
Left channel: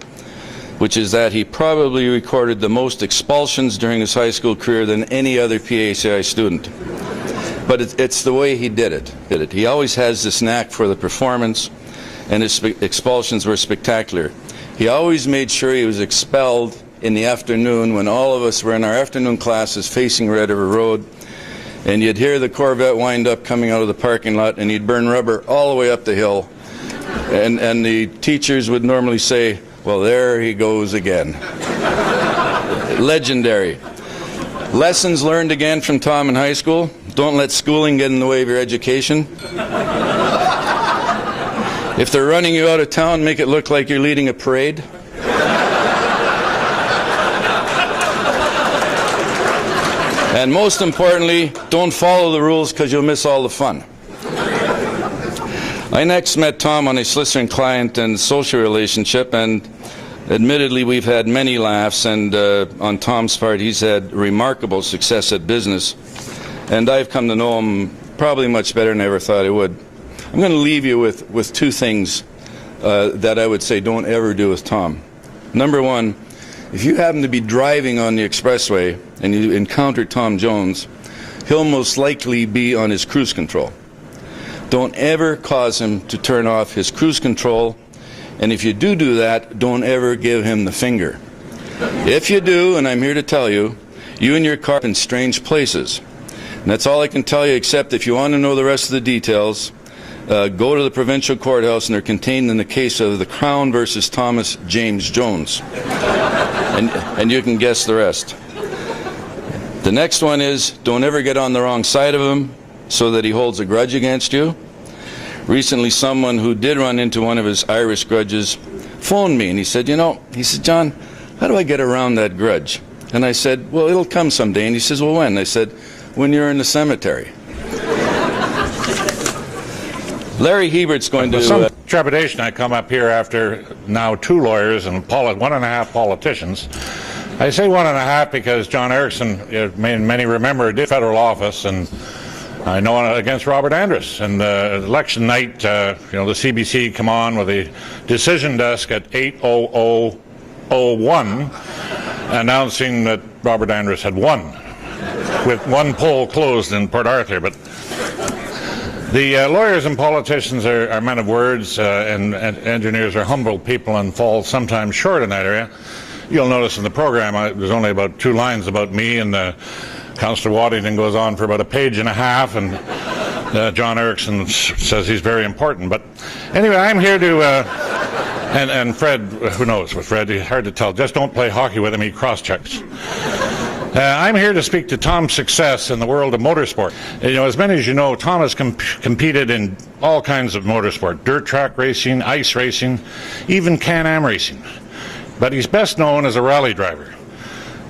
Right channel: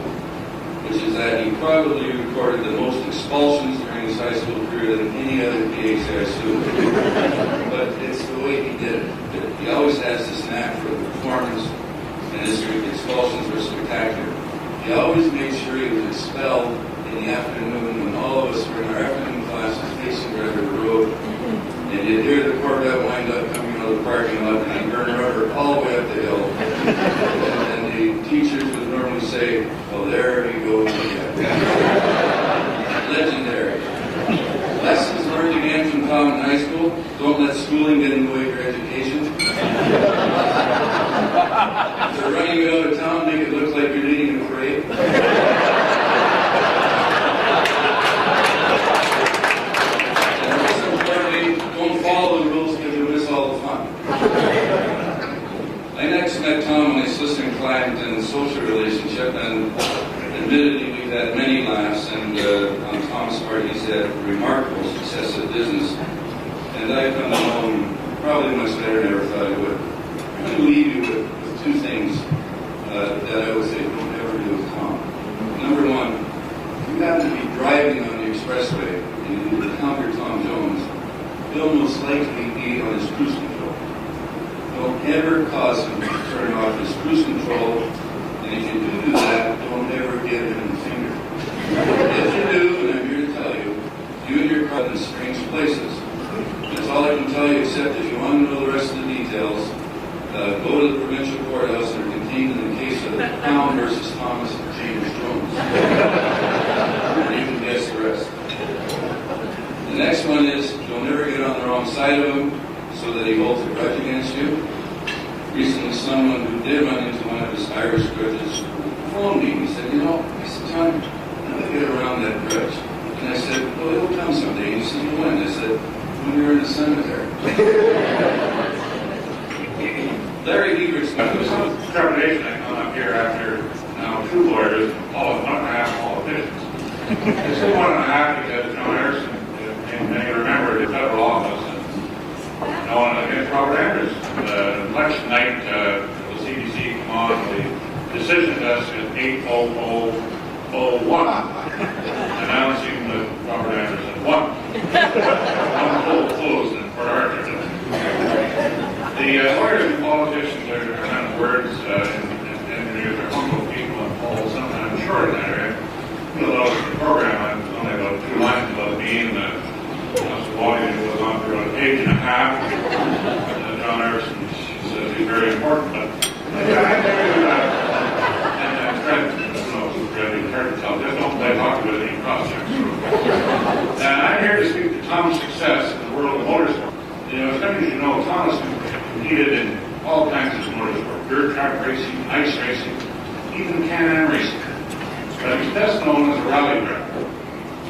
which is that he probably recorded the most expulsions during his high school career than any other PACI student. But it's the way he did it. He always has this knack for the performance, and his expulsions were spectacular. He always made sure he was expelled in the afternoon when all of us were in our afternoon classes facing Red River Road, and you'd hear the Corvette wind up coming out of the parking lot, and he'd burn rubber all the way up the hill. And the teachers would normally say, well, there he goes again. Legendary. Lessons learned again from Tom in high school: don't let schooling get in the way of your education. If they're running you out of town, make it look like you're leading a parade. And most importantly, don't follow the rules because you'll miss all the fun. I next met Tom on a solicitor client and social relationship, and admittedly we've had many laughs, and on Tom's part he's had remarkable success at business, and I've come to know him probably much better than I ever thought I would. I'm going to leave you with two things that I would say don't ever do with Tom. Number one, if you happen to be driving on the expressway and you encounter Tom Jones, he'll most likely be on his cruise control. Don't ever cause him to turn off his cruise control, and if you do that, don't ever give him the finger. If you do, and I'm here to tell you, you and your car are in strange places. And that's all I can tell you, except if you want to know the rest of the details, go to the provincial courthouse, and they're contained in the case of the Crown versus Thomas James Jones. And you can guess the rest. The next one is, don't ever get on the wrong side of him so that he holds a grudge against you. Recently, someone who did run into one of his Irish grudges phoned me, and he said, John, how do I get around that grudge? And I said, well, it'll come someday. And he says, well, when? I said, when you're in the cemetery. Larry Hebert's going to... Some trepidation. I come up here after now 2 lawyers and 1.5 politicians. I say 1.5 because John Erickson, many remember, did federal office, and I know against Robert Andrus. And election night, the CBC come on with a decision desk at 8:00:01 announcing that Robert Andrus had won, with one poll closed in Port Arthur. But the lawyers and politicians are men of words, and engineers are humble people and fall sometimes short in that area. You'll notice in the program there's only about 2 lines about me, and Councillor Waddington goes on for about 1.5 pages, and John Erickson says he's very important. But anyway, I'm here to, and Fred, who knows with Fred, he's hard to tell. Just don't play hockey with him, he cross-checks. I'm here to speak to Tom's success in the world of motorsport. As many as you know, Tom has competed in all kinds of motorsport: dirt track racing, ice racing, even Can-Am racing. But he's best known as a rally driver.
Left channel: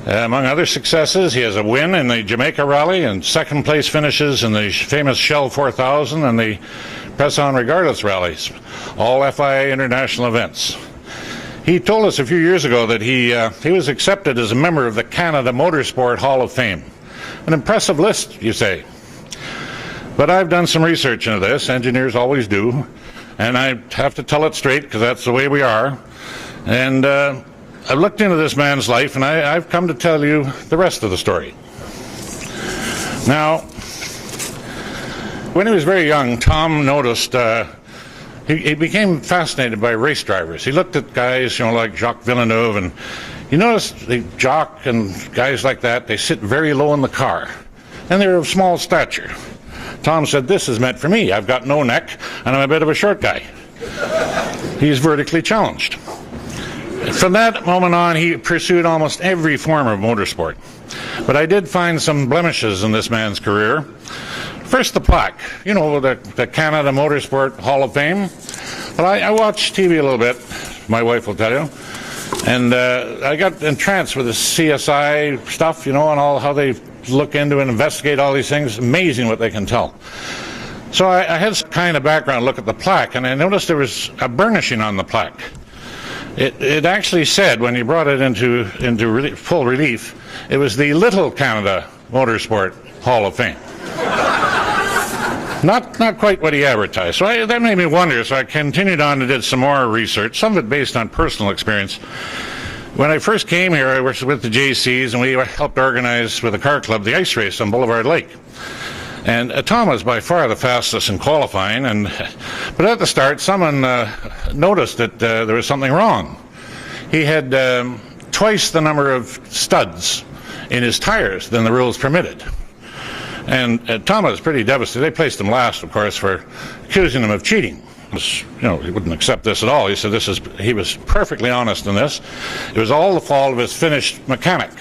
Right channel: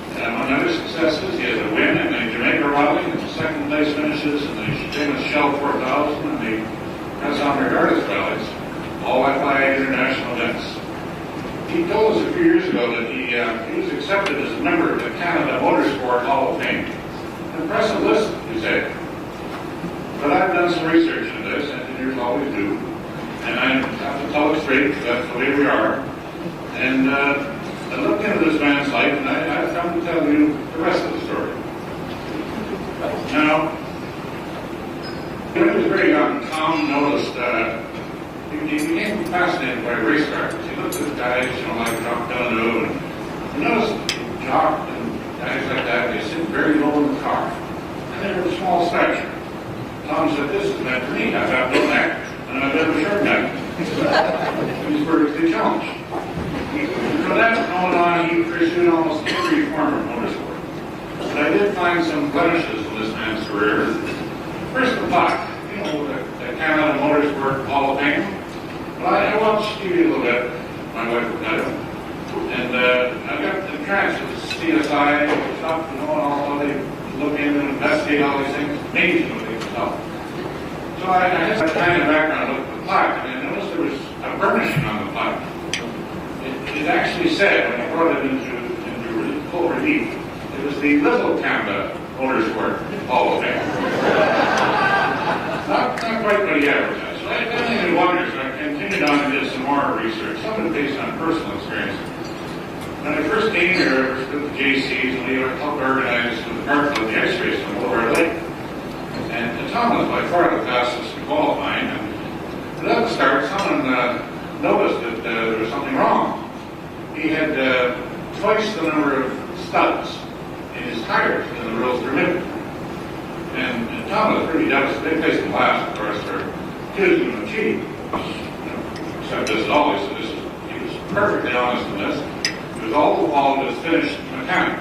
Among other successes, he has a win in the Jamaica Rally and 2nd place finishes in the famous Shell 4000 and the Press On Regardless rallies, all FIA international events. He told us a few years ago that he was accepted as a member of the Canada Motorsport Hall of Fame. An impressive list, you say. But I've done some research into this, engineers always do, and I have to tell it straight because that's the way we are. And I've looked into this man's life, and I've come to tell you the rest of the story. Now, when he was very young, Tom noticed he became fascinated by race drivers. He looked at guys, like Jacques Villeneuve, and you notice the Jacques and guys like that, they sit very low in the car, and they're of small stature. Tom said, this is meant for me. I've got no neck, and I'm a bit of a short guy. He's vertically challenged. From that moment on, he pursued almost every form of motorsport. But I did find some blemishes in this man's career. First, the plaque. The Canada Motorsport Hall of Fame. Well, I watch TV a little bit, my wife will tell you. And I got entranced with the CSI stuff, you know, and all how they look into and investigate all these things. Amazing what they can tell. So I had some kind of background look at the plaque, and I noticed there was a burnishing on the plaque. It actually said, when he brought it into full relief, it was the Little Canada Motorsport Hall of Fame. Not quite what he advertised. So that made me wonder, so I continued on and did some more research, some of it based on personal experience. When I first came here, I was with the JCs, and we helped organize with the car club the ice race on Boulevard Lake. And Tom was by far the fastest in qualifying, but at the start, someone noticed that there was something wrong. He had twice the number of studs in his tires than the rules permitted. And Tom was pretty devastated. They placed him last, of course, for accusing him of cheating. You know, he wouldn't accept this at all. He said he was perfectly honest in this. It was all the fault of his Finnish mechanic,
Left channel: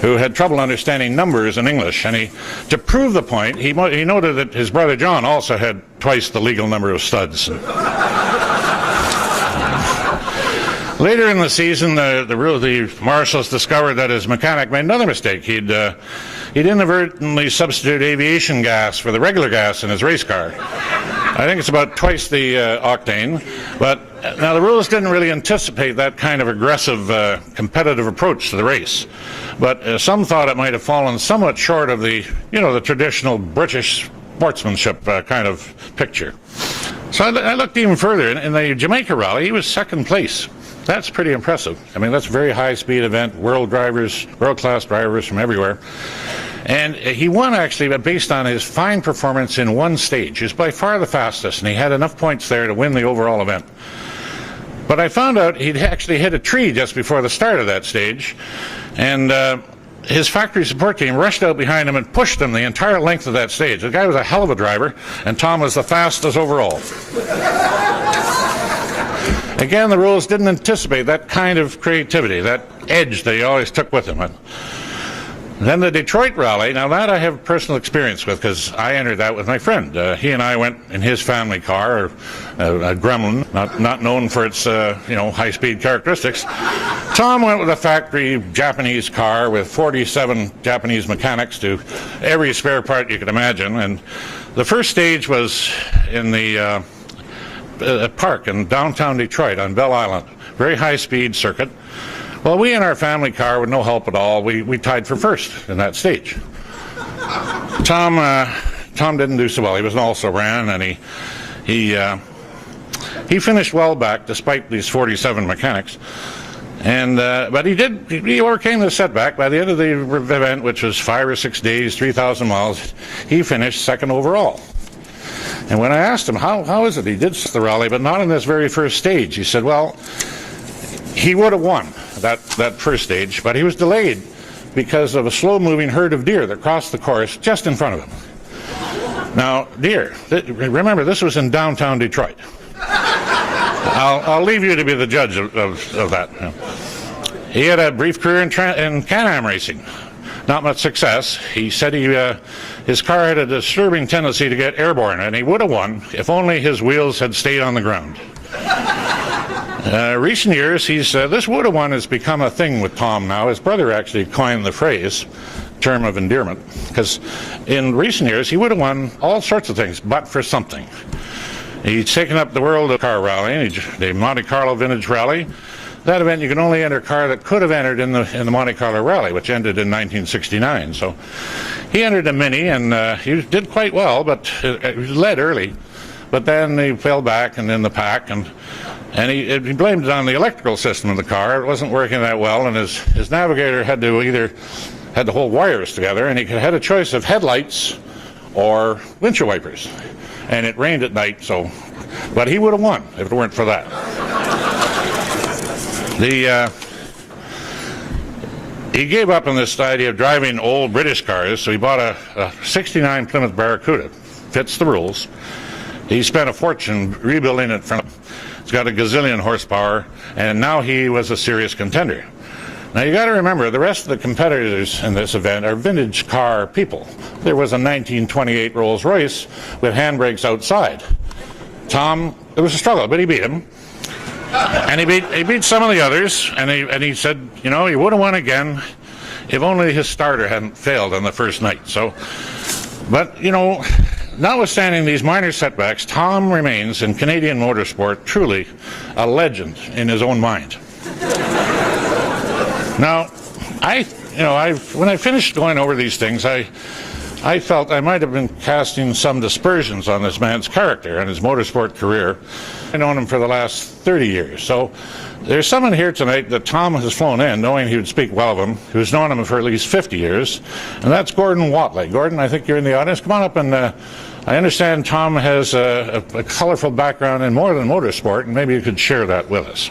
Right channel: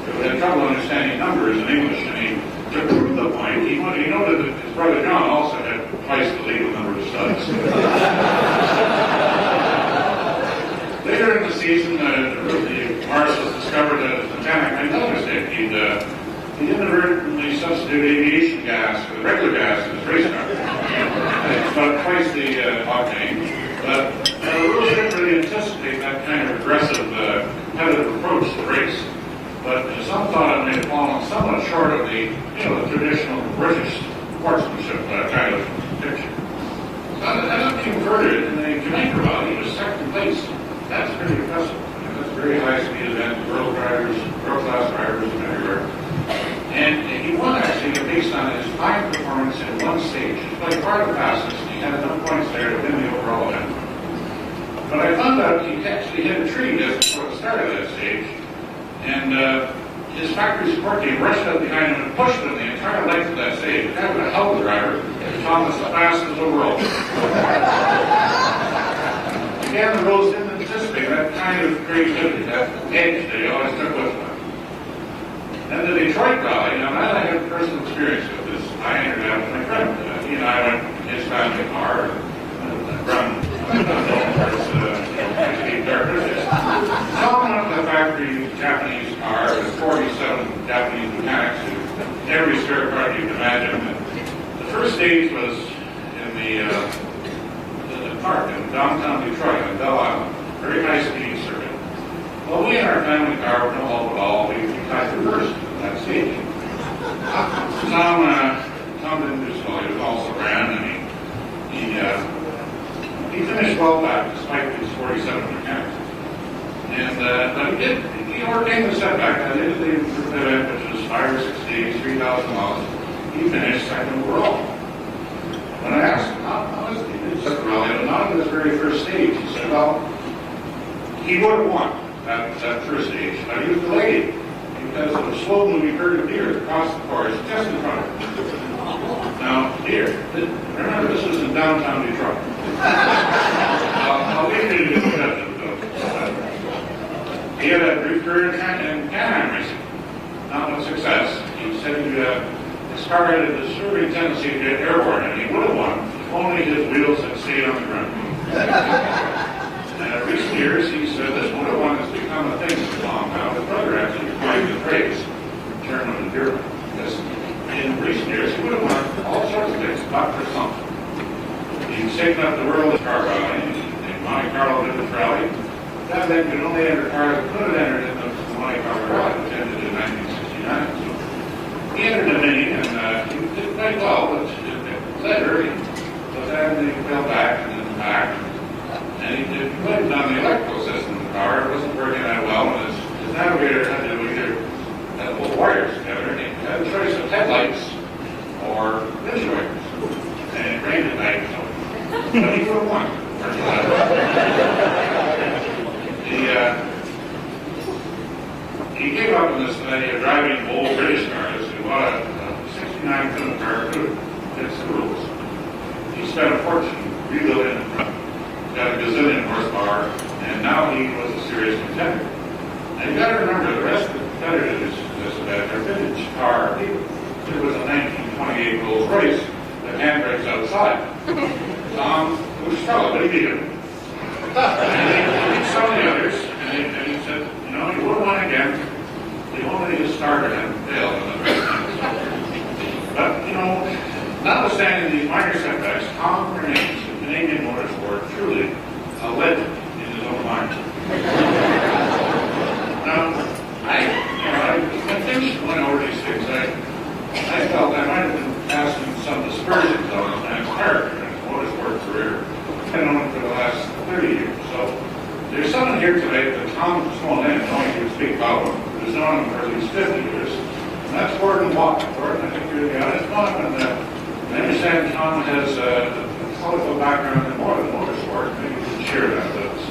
who had trouble understanding numbers in English. And to prove the point, he noted that his brother John also had twice the legal number of studs. Later in the season, the marshals discovered that his mechanic made another mistake. He'd inadvertently substituted aviation gas for the regular gas in his race car. I think it's about twice the octane. But now the rules didn't really anticipate that kind of aggressive competitive approach to the race. But some thought it might have fallen somewhat short of the traditional British sportsmanship kind of picture. So I looked even further. In the Jamaica Rally, he was second place. That's pretty impressive. I mean, that's a very high-speed event, world-class drivers from everywhere. And he won, actually, based on his fine performance in one stage. He was by far the fastest, and he had enough points there to win the overall event. But I found out he'd actually hit a tree just before the start of that stage, and his factory support team rushed out behind him and pushed him the entire length of that stage. The guy was a hell of a driver, and Tom was the fastest overall. Again, the rules didn't anticipate that kind of creativity, that edge that he always took with him. Then the Detroit Rally, now that I have personal experience with, because I entered that with my friend. He and I went in his family car, a Grumman, not known for its high-speed characteristics. Tom went with a factory Japanese car with 47 Japanese mechanics to every spare part you could imagine. And the first stage was in the park in downtown Detroit on Belle Island, very high-speed circuit. Well, we in our family car, with no help at all, we tied for first in that stage. Tom didn't do so well. He was also ran, and he finished well back despite these 47 mechanics. And but he overcame the setback. By the end of the event, which was 5 or 6 days, 3,000 miles, he finished second overall. And when I asked him, how is it he did the rally, but not in this very first stage, he said, well, he would have won that first stage, but he was delayed because of a slow-moving herd of deer that crossed the course just in front of him. Now, deer, remember, this was in downtown Detroit. I'll leave you to be the judge of that. He had a brief career in Can-Am racing. Not much success. He said his car had a disturbing tendency to get airborne, and he would have won if only his wheels had stayed on the ground. Recent years, this would have won has become a thing with Tom now. His brother actually coined the phrase, term of endearment, because in recent years, he would have won all sorts of things, but for something. He's taken up the world of car rallying, the Monte Carlo Vintage Rally. That event, you can only enter a car that could have entered in the Monte Carlo Rally, which ended in 1969. So he entered a Mini, and he did quite well, but he led early. But then he fell back and in the pack, and he blamed it on the electrical system of the car. It wasn't working that well, and his navigator had to hold wires together, and he had a choice of headlights or windshield wipers. And it rained at night, but he would have won if it weren't for that. He gave up on this idea of driving old British cars, so he bought a 69 Plymouth Barracuda. Fits the rules. He spent a fortune rebuilding it from. It's got a gazillion horsepower, and now he was a serious contender. Now you got to remember, the rest of the competitors in this event are vintage car people. There was a 1928 Rolls Royce with handbrakes outside. Tom, it was a struggle, but he beat him. And he beat some of the others, and he said, you know, he would have won again if only his starter hadn't failed on the first night. So, but, you know, notwithstanding these minor setbacks, Tom remains in Canadian motorsport truly a legend in his own mind. Now, when I finished going over these things, I felt I might have been casting some dispersions on this man's character and his motorsport career. I've known him for the last 30 years. So there's someone here tonight that Tom has flown in, knowing he would speak well of him, who's known him for at least 50 years, and that's Gordon Watley. Gordon, I think you're in the audience. Come on up, and I understand Tom has a colorful background in more than motorsport, and maybe you could share that with us.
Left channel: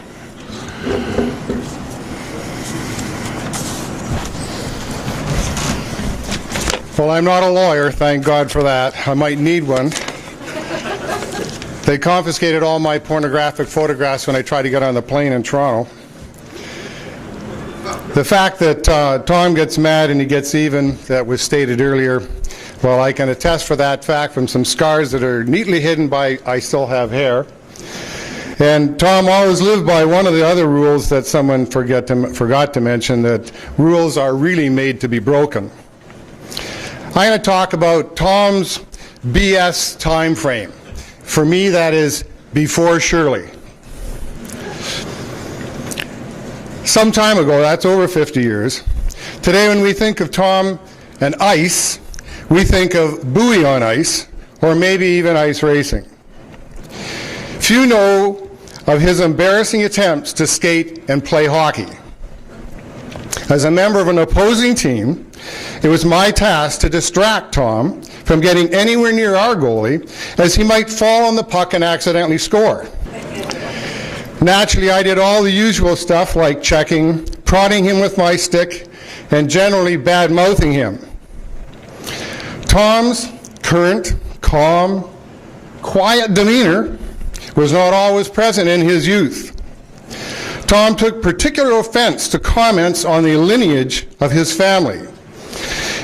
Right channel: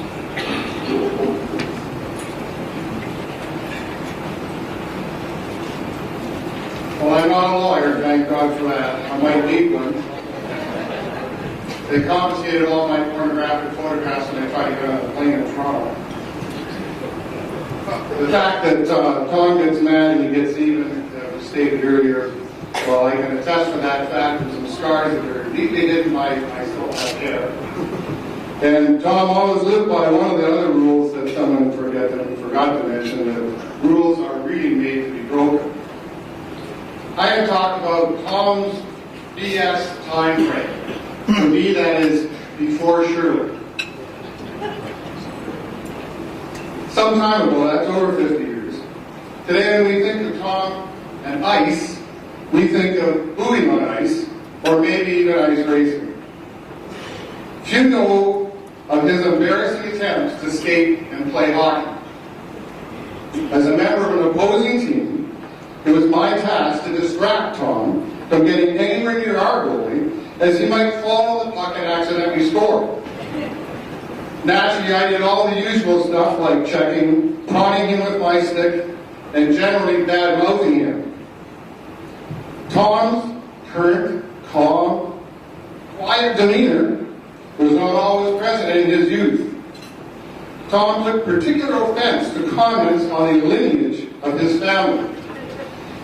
Well, I'm not a lawyer, thank God for that. I might need one. They confiscated all my pornographic photographs when I tried to get on the plane in Toronto. The fact that Tom gets mad and he gets even, that was stated earlier, well, I can attest for that fact from some scars that are neatly hidden by I still have hair. And Tom always lived by one of the other rules that someone forgot to mention, that rules are really made to be broken. I'm going to talk about Tom's BS time frame. For me, that is before Shirley. Some time ago, that's over 50 years. Today, when we think of Tom and ice, we think of buoy on ice, or maybe even ice racing. Few know of his embarrassing attempts to skate and play hockey. As a member of an opposing team, it was my task to distract Tom from getting anywhere near our goalie, as he might fall on the puck and accidentally score. Naturally, I did all the usual stuff like checking, prodding him with my stick, and generally bad-mouthing him. Tom's current, calm, quiet demeanor was not always present in his youth. Tom took particular offense to comments on the lineage of his family.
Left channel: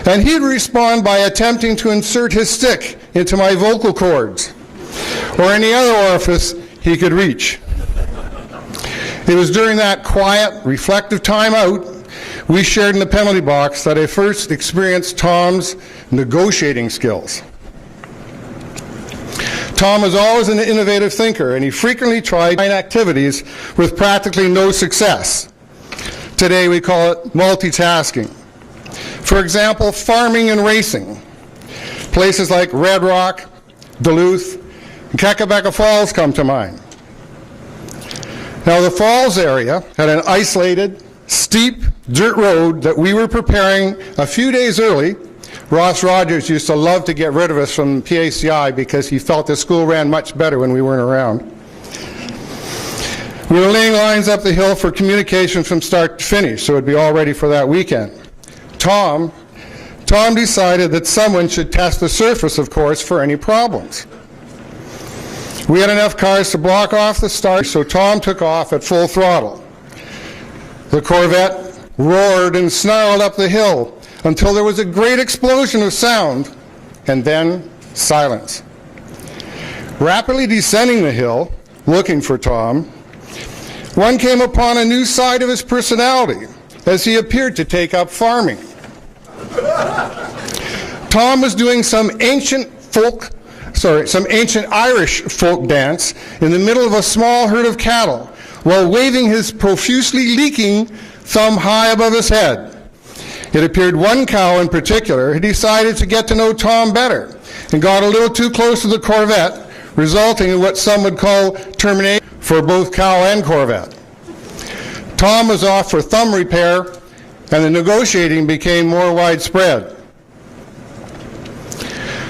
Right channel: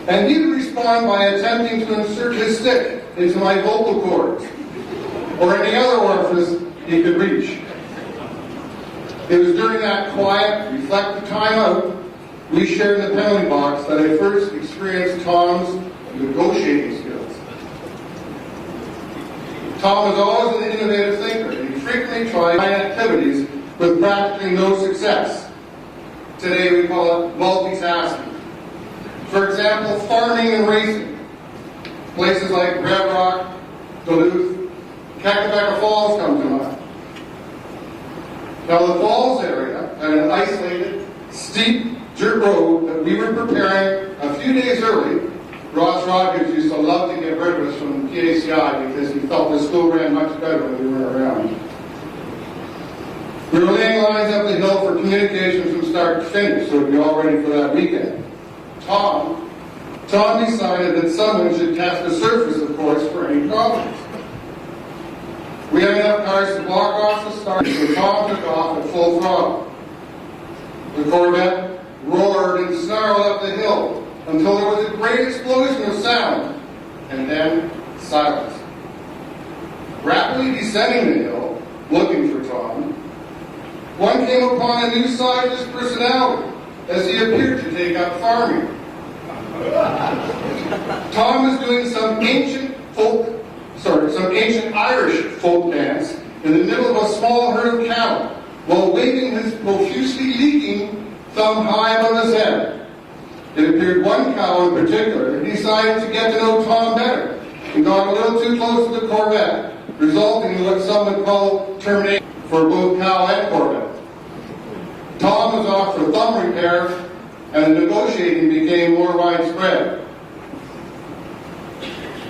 And he'd respond by attempting to insert his stick into my vocal cords or any other orifice he could reach. It was during that quiet, reflective time out we shared in the penalty box that I first experienced Tom's negotiating skills. Tom was always an innovative thinker, and he frequently tried activities with practically no success. Today we call it multitasking. For example, farming and racing. Places like Red Rock, Duluth, and Kakabeka Falls come to mind. Now, the Falls area had an isolated, steep dirt road that we were preparing a few days early. Ross Rogers used to love to get rid of us from PACI because he felt the school ran much better when we weren't around. We were laying lines up the hill for communication from start to finish, so it would be all ready for that weekend. Tom decided that someone should test the surface, of course, for any problems. We had enough cars to block off the start, so Tom took off at full throttle. The Corvette roared and snarled up the hill until there was a great explosion of sound, and then silence. Rapidly descending the hill, looking for Tom, one came upon a new side of his personality, as he appeared to take up farming. Tom was doing some ancient Irish folk dance in the middle of a small herd of cattle, while waving his profusely leaking thumb high above his head. It appeared one cow in particular had decided to get to know Tom better and got a little too close to the Corvette, resulting in what some would call termination for both cow and Corvette. Tom was off for thumb repair, and the negotiating became more widespread.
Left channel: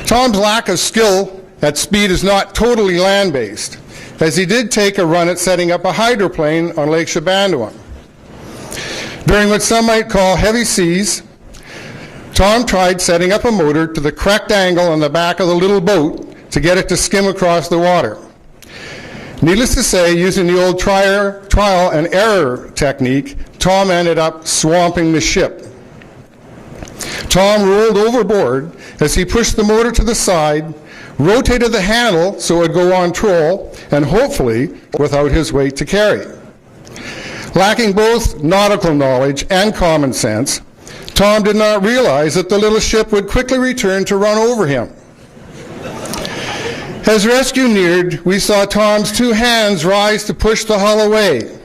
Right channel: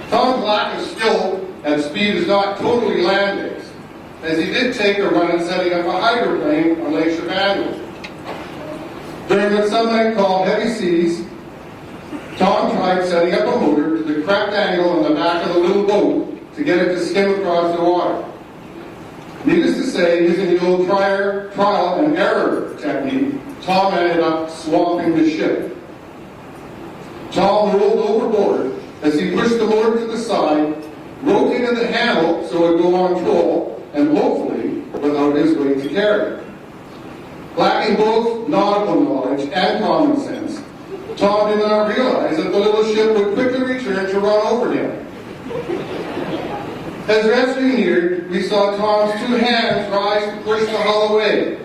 Tom's lack of skill at speed is not totally land-based, as he did take a run at setting up a hydroplane on Lake Shabandowan. During what some might call heavy seas, Tom tried setting up a motor to the correct angle on the back of the little boat to get it to skim across the water. Needless to say, using the old trial and error technique, Tom ended up swamping the ship. Tom rolled overboard as he pushed the motor to the side, rotated the handle so it would go on troll, and hopefully without his weight to carry. Lacking both nautical knowledge and common sense, Tom did not realize that the little ship would quickly return to run over him. As rescue neared, we saw Tom's two hands rise to push the hull away.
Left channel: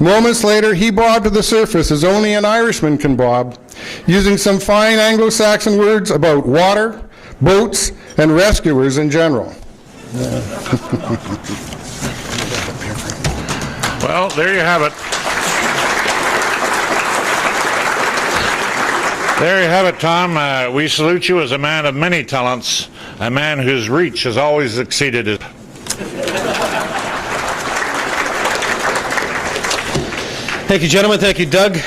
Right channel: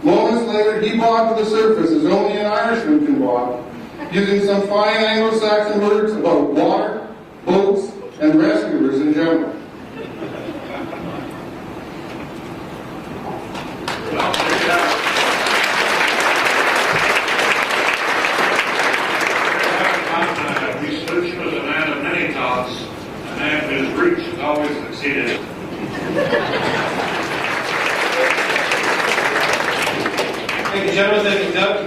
Moments later, he bobbed to the surface as only an Irishman can bob, using some fine Anglo-Saxon words about water, boats, and rescuers in general. Well, there you have it. There you have it, Tom. We salute you as a man of many talents, a man whose reach has always exceeded his. Thank you, gentlemen. Thank you, Doug.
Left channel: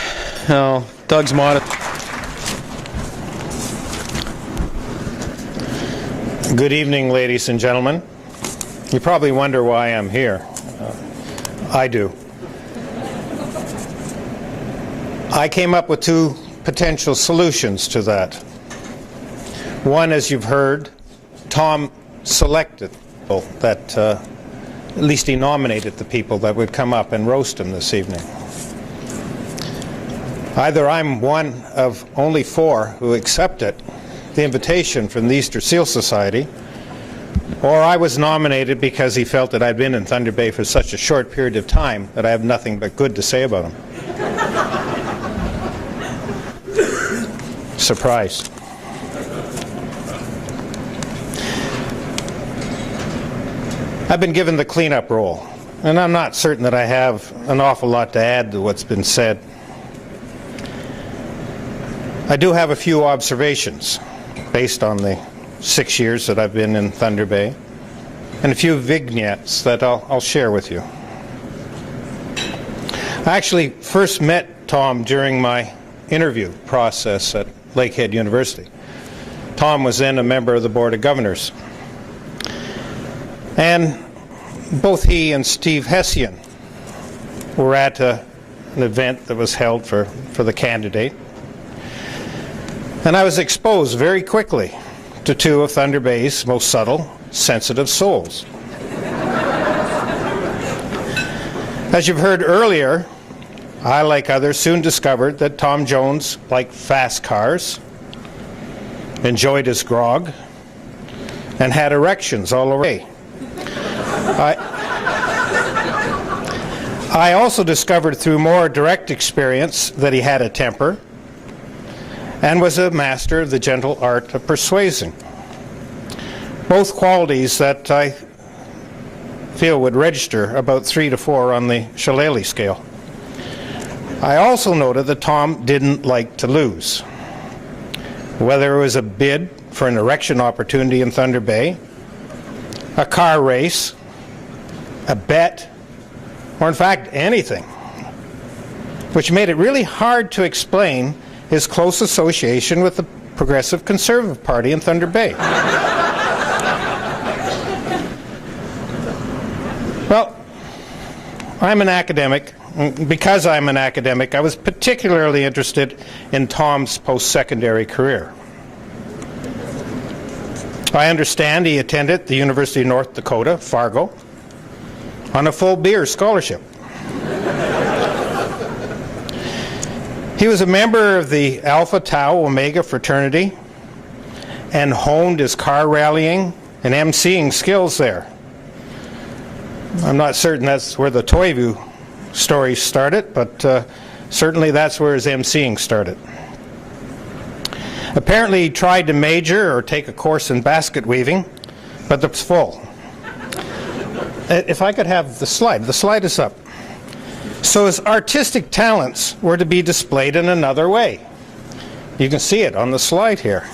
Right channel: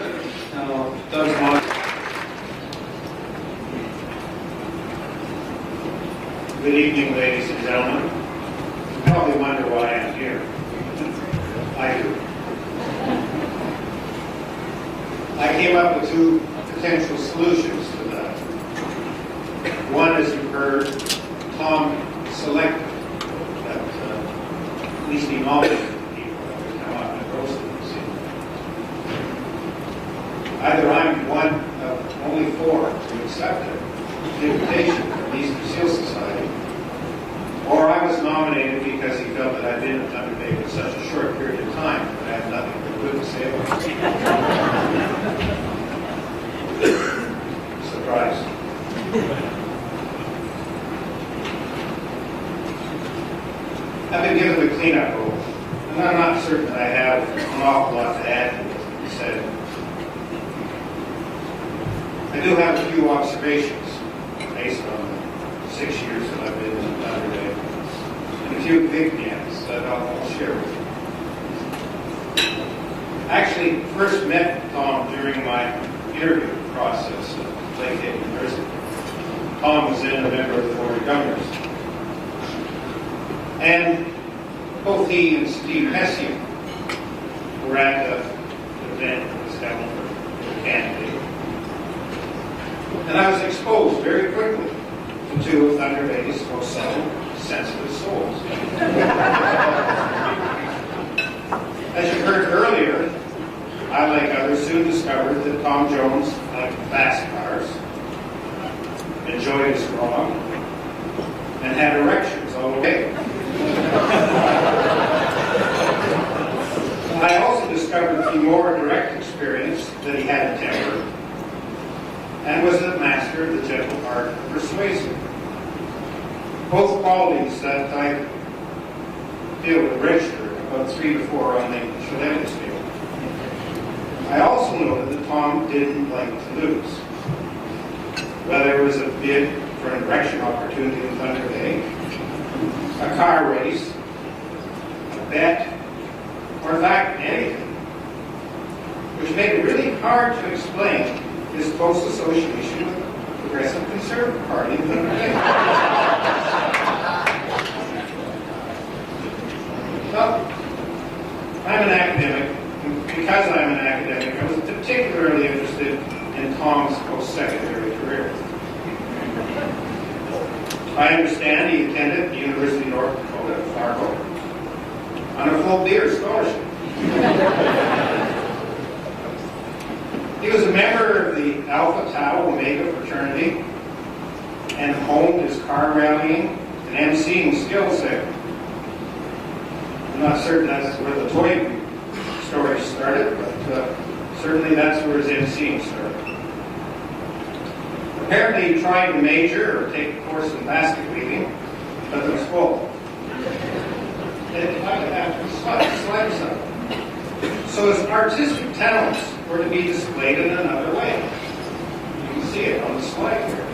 Doug's monitor. Good evening, ladies and gentlemen. You probably wonder why I'm here. I do. I came up with two potential solutions to that. One, as you've heard, Tom selected that, at least he nominated the people that would come up and roast him this evening. Either I'm one of only 4 who accepted the invitation from the Easter Seal Society, or I was nominated because he felt that I'd been in Thunder Bay for such a short period of time that I have nothing but good to say about it. Surprised. I've been given the cleanup role, and I'm not certain that I have an awful lot to add to what's been said. I do have a few observations based on the 6 years that I've been in Thunder Bay, and a few vignettes that I'll share with you. I actually first met Tom during my interview process at Lakehead University. Tom was then a member of the Board of Governors. And both he and Steve Hessian were at an event that was held for the candidate. And I was exposed very quickly to 2 of Thunder Bay's most subtle, sensitive souls. As you've heard earlier, I, like others, soon discovered that Tom Jones liked fast cars, enjoyed his grog, and had erections all the way. I also discovered through more direct experience that he had a temper and was a master of the gentle art of persuasion. Both qualities that I feel would register about 3 to 4 on the shillelagh scale. I also noted that Tom didn't like to lose. Whether it was a bid for an erection opportunity in Thunder Bay, a car race, a bet, or in fact anything, which made it really hard to explain his close association with the Progressive Conservative Party in Thunder Bay. Well, I'm an academic. Because I'm an academic, I was particularly interested in Tom's post-secondary career. I understand he attended the University of North Dakota, Fargo, on a full beer scholarship. He was a member of the Alpha Tau Omega fraternity and honed his car rallying and emceeing skills there. I'm not certain that's where the Toivu story started, but certainly that's where his emceeing started. Apparently he tried to major or take a course in basket weaving, but it was full. If I could have the slide is up. So his artistic talents were to be displayed in another way. You can see it on the slide here.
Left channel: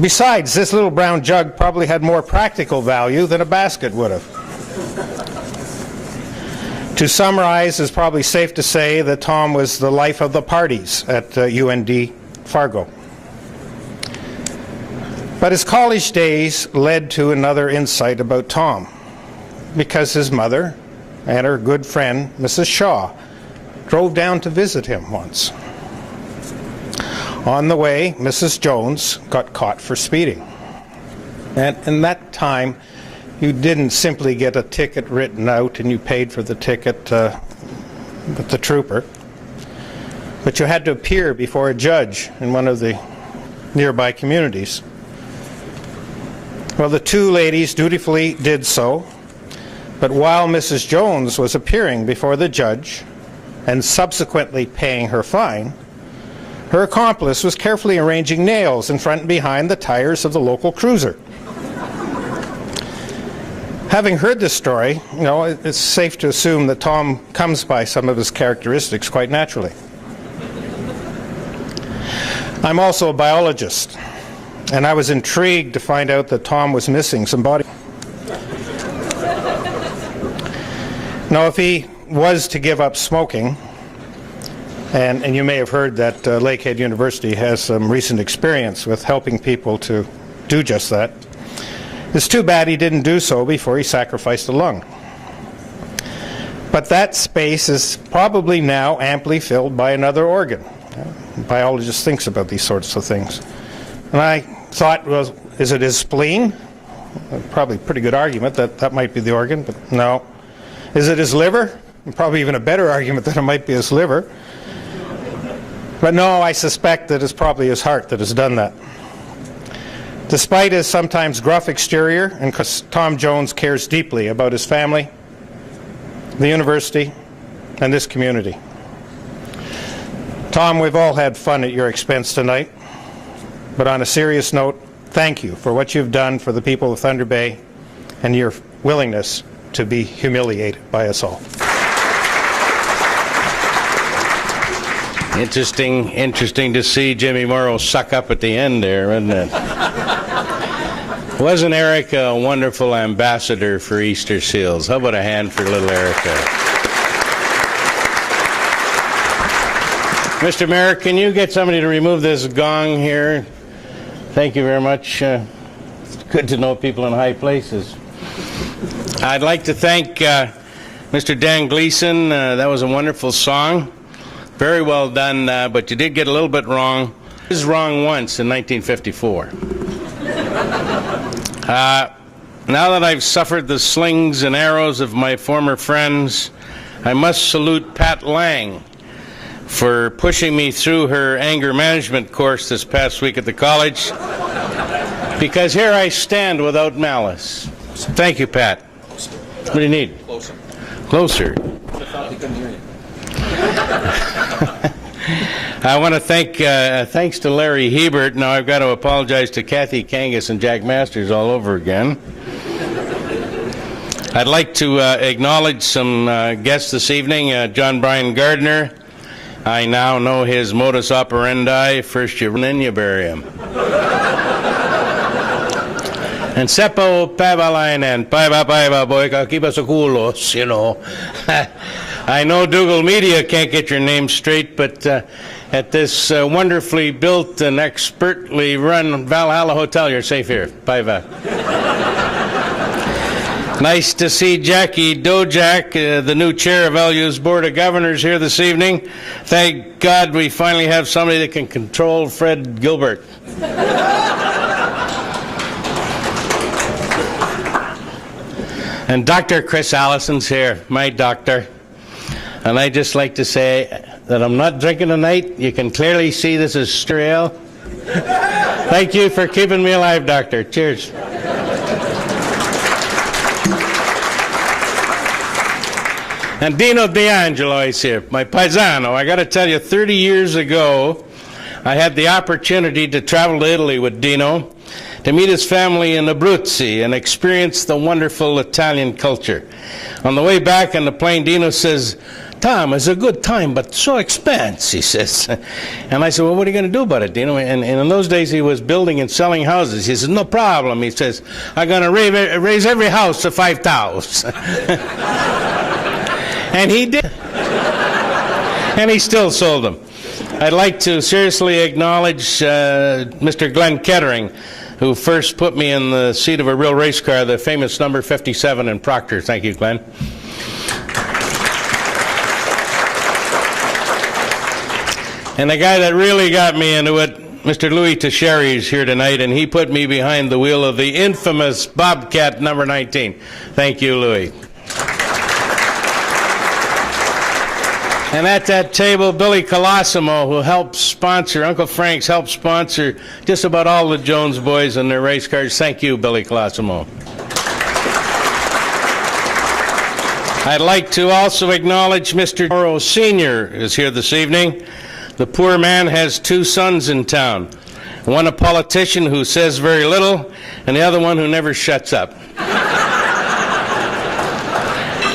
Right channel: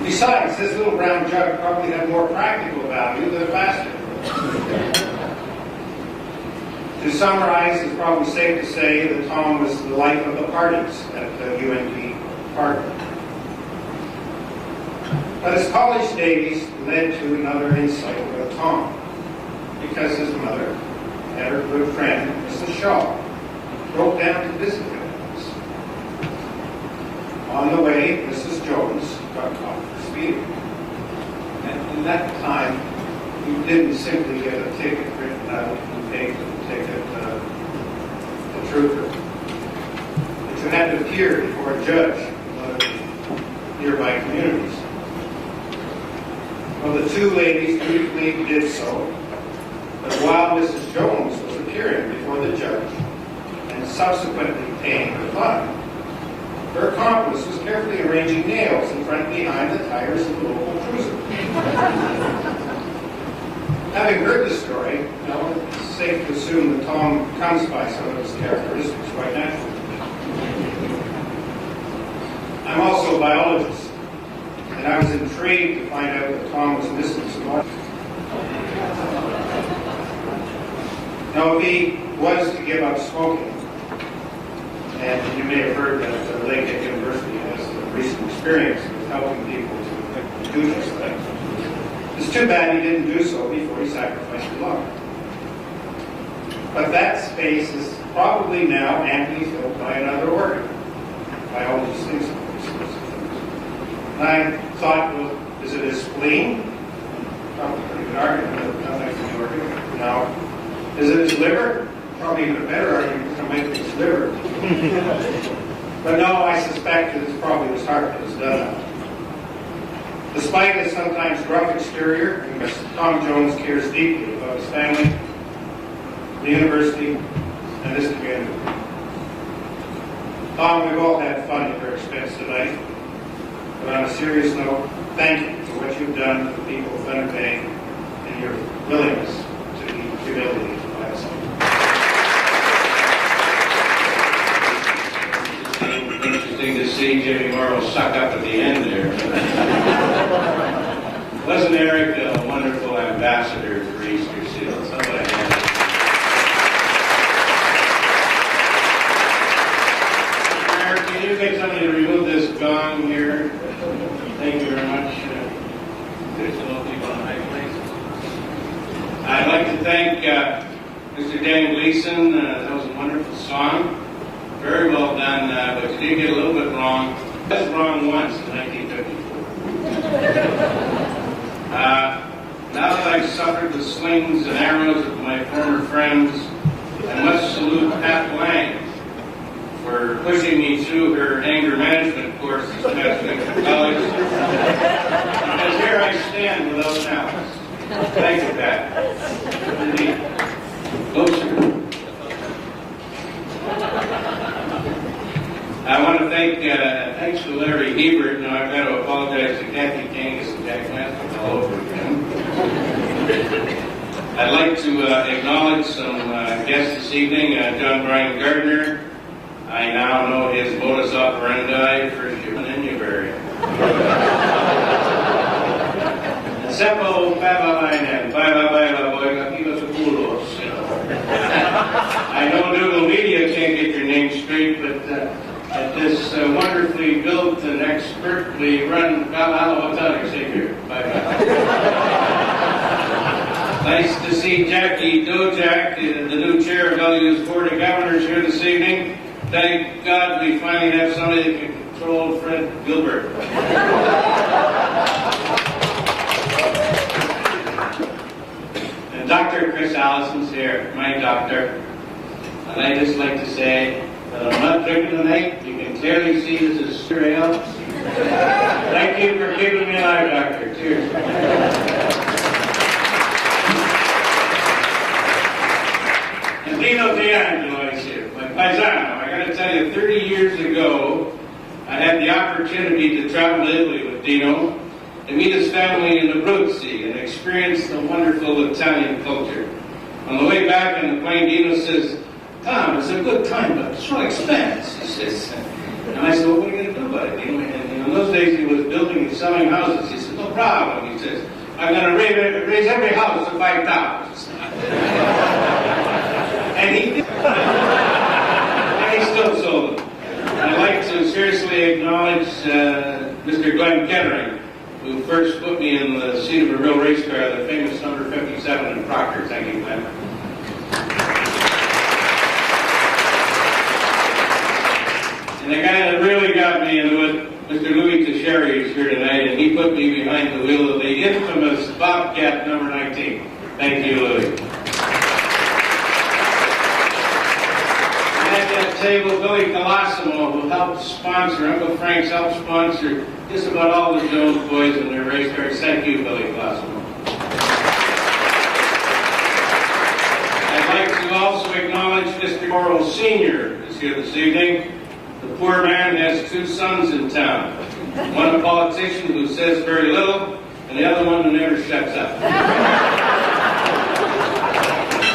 Besides, this little brown jug probably had more practical value than a basket would have. To summarize, it's probably safe to say that Tom was the life of the parties at UND Fargo. But his college days led to another insight about Tom, because his mother and her good friend, Mrs. Shaw, drove down to visit him once. On the way, Mrs. Jones got caught for speeding. And in that time, you didn't simply get a ticket written out and you paid for the ticket with the trooper, but you had to appear before a judge in one of the nearby communities. Well, the two ladies dutifully did so, but while Mrs. Jones was appearing before the judge and subsequently paying her fine, her accomplice was carefully arranging nails in front and behind the tires of the local cruiser. Having heard this story, you know, it's safe to assume that Tom comes by some of his characteristics quite naturally. I'm also a biologist, and I was intrigued to find out that Tom was missing some body. Now, if he was to give up smoking, and you may have heard that Lakehead University has some recent experience with helping people to do just that, it's too bad he didn't do so before he sacrificed a lung. But that space is probably now amply filled by another organ. A biologist thinks about these sorts of things. And I thought, well, is it his spleen? Probably a pretty good argument that that might be the organ, but no. Is it his liver? Probably even a better argument that it might be his liver. But no, I suspect that it's probably his heart that has done that. Despite his sometimes gruff exterior, and because Tom Jones cares deeply about his family, the university, and this community. Tom, we've all had fun at your expense tonight, but on a serious note, thank you for what you've done for the people of Thunder Bay and your willingness to be humiliated by us all. Interesting to see Jimmy Mauro suck up at the end there, wasn't it? Wasn't Erica a wonderful ambassador for Easter Seals? How about a hand for little Erica? Mr. Mayor, can you get somebody to remove this gong here? Thank you very much. It's good to know people in high places. I'd like to thank Mr. Dan Gleason. That was a wonderful song. Very well done, but you did get a little bit wrong. I was wrong once in 1954. Now that I've suffered the slings and arrows of my former friends, I must salute Pat Lang for pushing me through her anger management course this past week at the college, because here I stand without malice. So thank you, Pat. It's pretty neat. Closer. I want to thank, thanks to Larry Hebert. Now I've got to apologize to Kathy Kangas and Jack Masters all over again. I'd like to acknowledge some guests this evening. John Brian Gardner. I now know his modus operandi. First you run, then you bury him. And Seppo Pavalainen, Paiva Boika, keep us a kulos, you know. I know Dougal Media can't get your name straight, but at this wonderfully built and expertly run Valhalla Hotel, you're safe here. Paiva. Nice to see Jackie Dojak, the new chair of LU's Board of Governors, here this evening. Thank God we finally have somebody that can control Fred Gilbert. And Dr. Chris Allison's here, my doctor. And I'd just like to say that I'm not drinking tonight. You can clearly see this is Strale. Thank you for keeping me alive, doctor. Cheers. And Dino D'Angelo is here, my paisano. I got to tell you, 30 years ago, I had the opportunity to travel to Italy with Dino to meet his family in Abruzzi and experience the wonderful Italian culture. On the way back on the plane, Dino says, "Tom, it's a good time, but so expensive," he says. And I said, "Well, what are you going to do about it, Dino?" And in those days, he was building and selling houses. He says, "No problem." He says, "I'm going to raise every house to 5,000. And he did. And he still sold them. I'd like to seriously acknowledge Mr. Glenn Kettering, who first put me in the seat of a real race car, the famous number 57 in Proctor. Thank you, Glenn. And the guy that really got me into it Mr. Louis Teixeira is here tonight, and he put me behind the wheel of the infamous Bobcat number 19. Thank you, Louis. And at that table, Billy Colosimo, who helps sponsor, Uncle Frank's helped sponsor just about all the Jones boys and their race cars. Thank you, Billy Colosimo. I'd like to also acknowledge Mr. Mauro Sr. is here this evening. The poor man has two sons in town. One a politician who says very little, and the other one who never shuts up.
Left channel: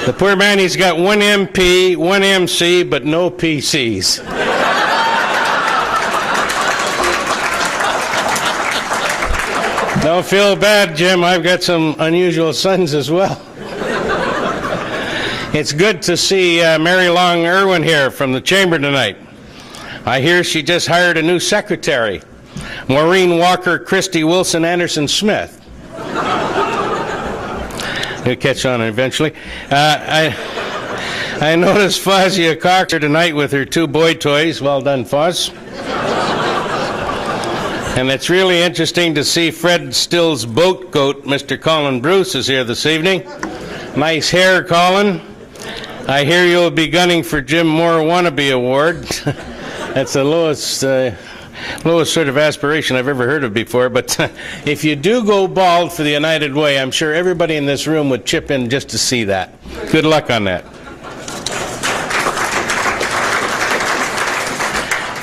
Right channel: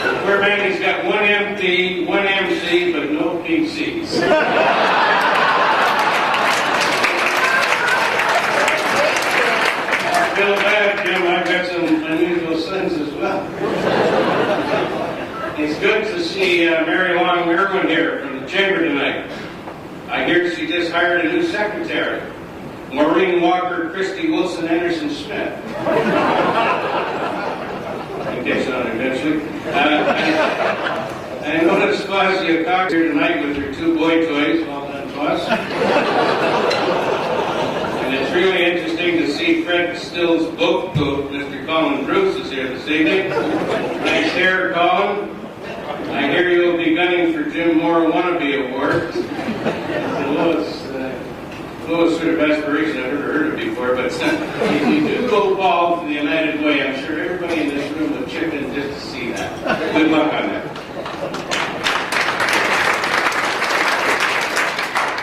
The poor man, he's got one MP, one MC, but no PCs. Don't feel bad, Jim. I've got some unusual sons as well. It's good to see Mary Long Irwin here from the Chamber tonight. I hear she just hired a new secretary, Maureen Walker Christie Wilson Anderson Smith. They'll catch on eventually. I noticed Fozzie Cox here tonight with her two boy toys. Well done, Foz. And it's really interesting to see Fred Still's boat goat, Mr. Colin Bruce, is here this evening. Nice hair, Colin. I hear you'll be gunning for Jim Moore Wannabe Award. That's the lowest sort of aspiration I've ever heard of before, but if you do go bald for the United Way, I'm sure everybody in this room would chip in just to see that. Good luck on that.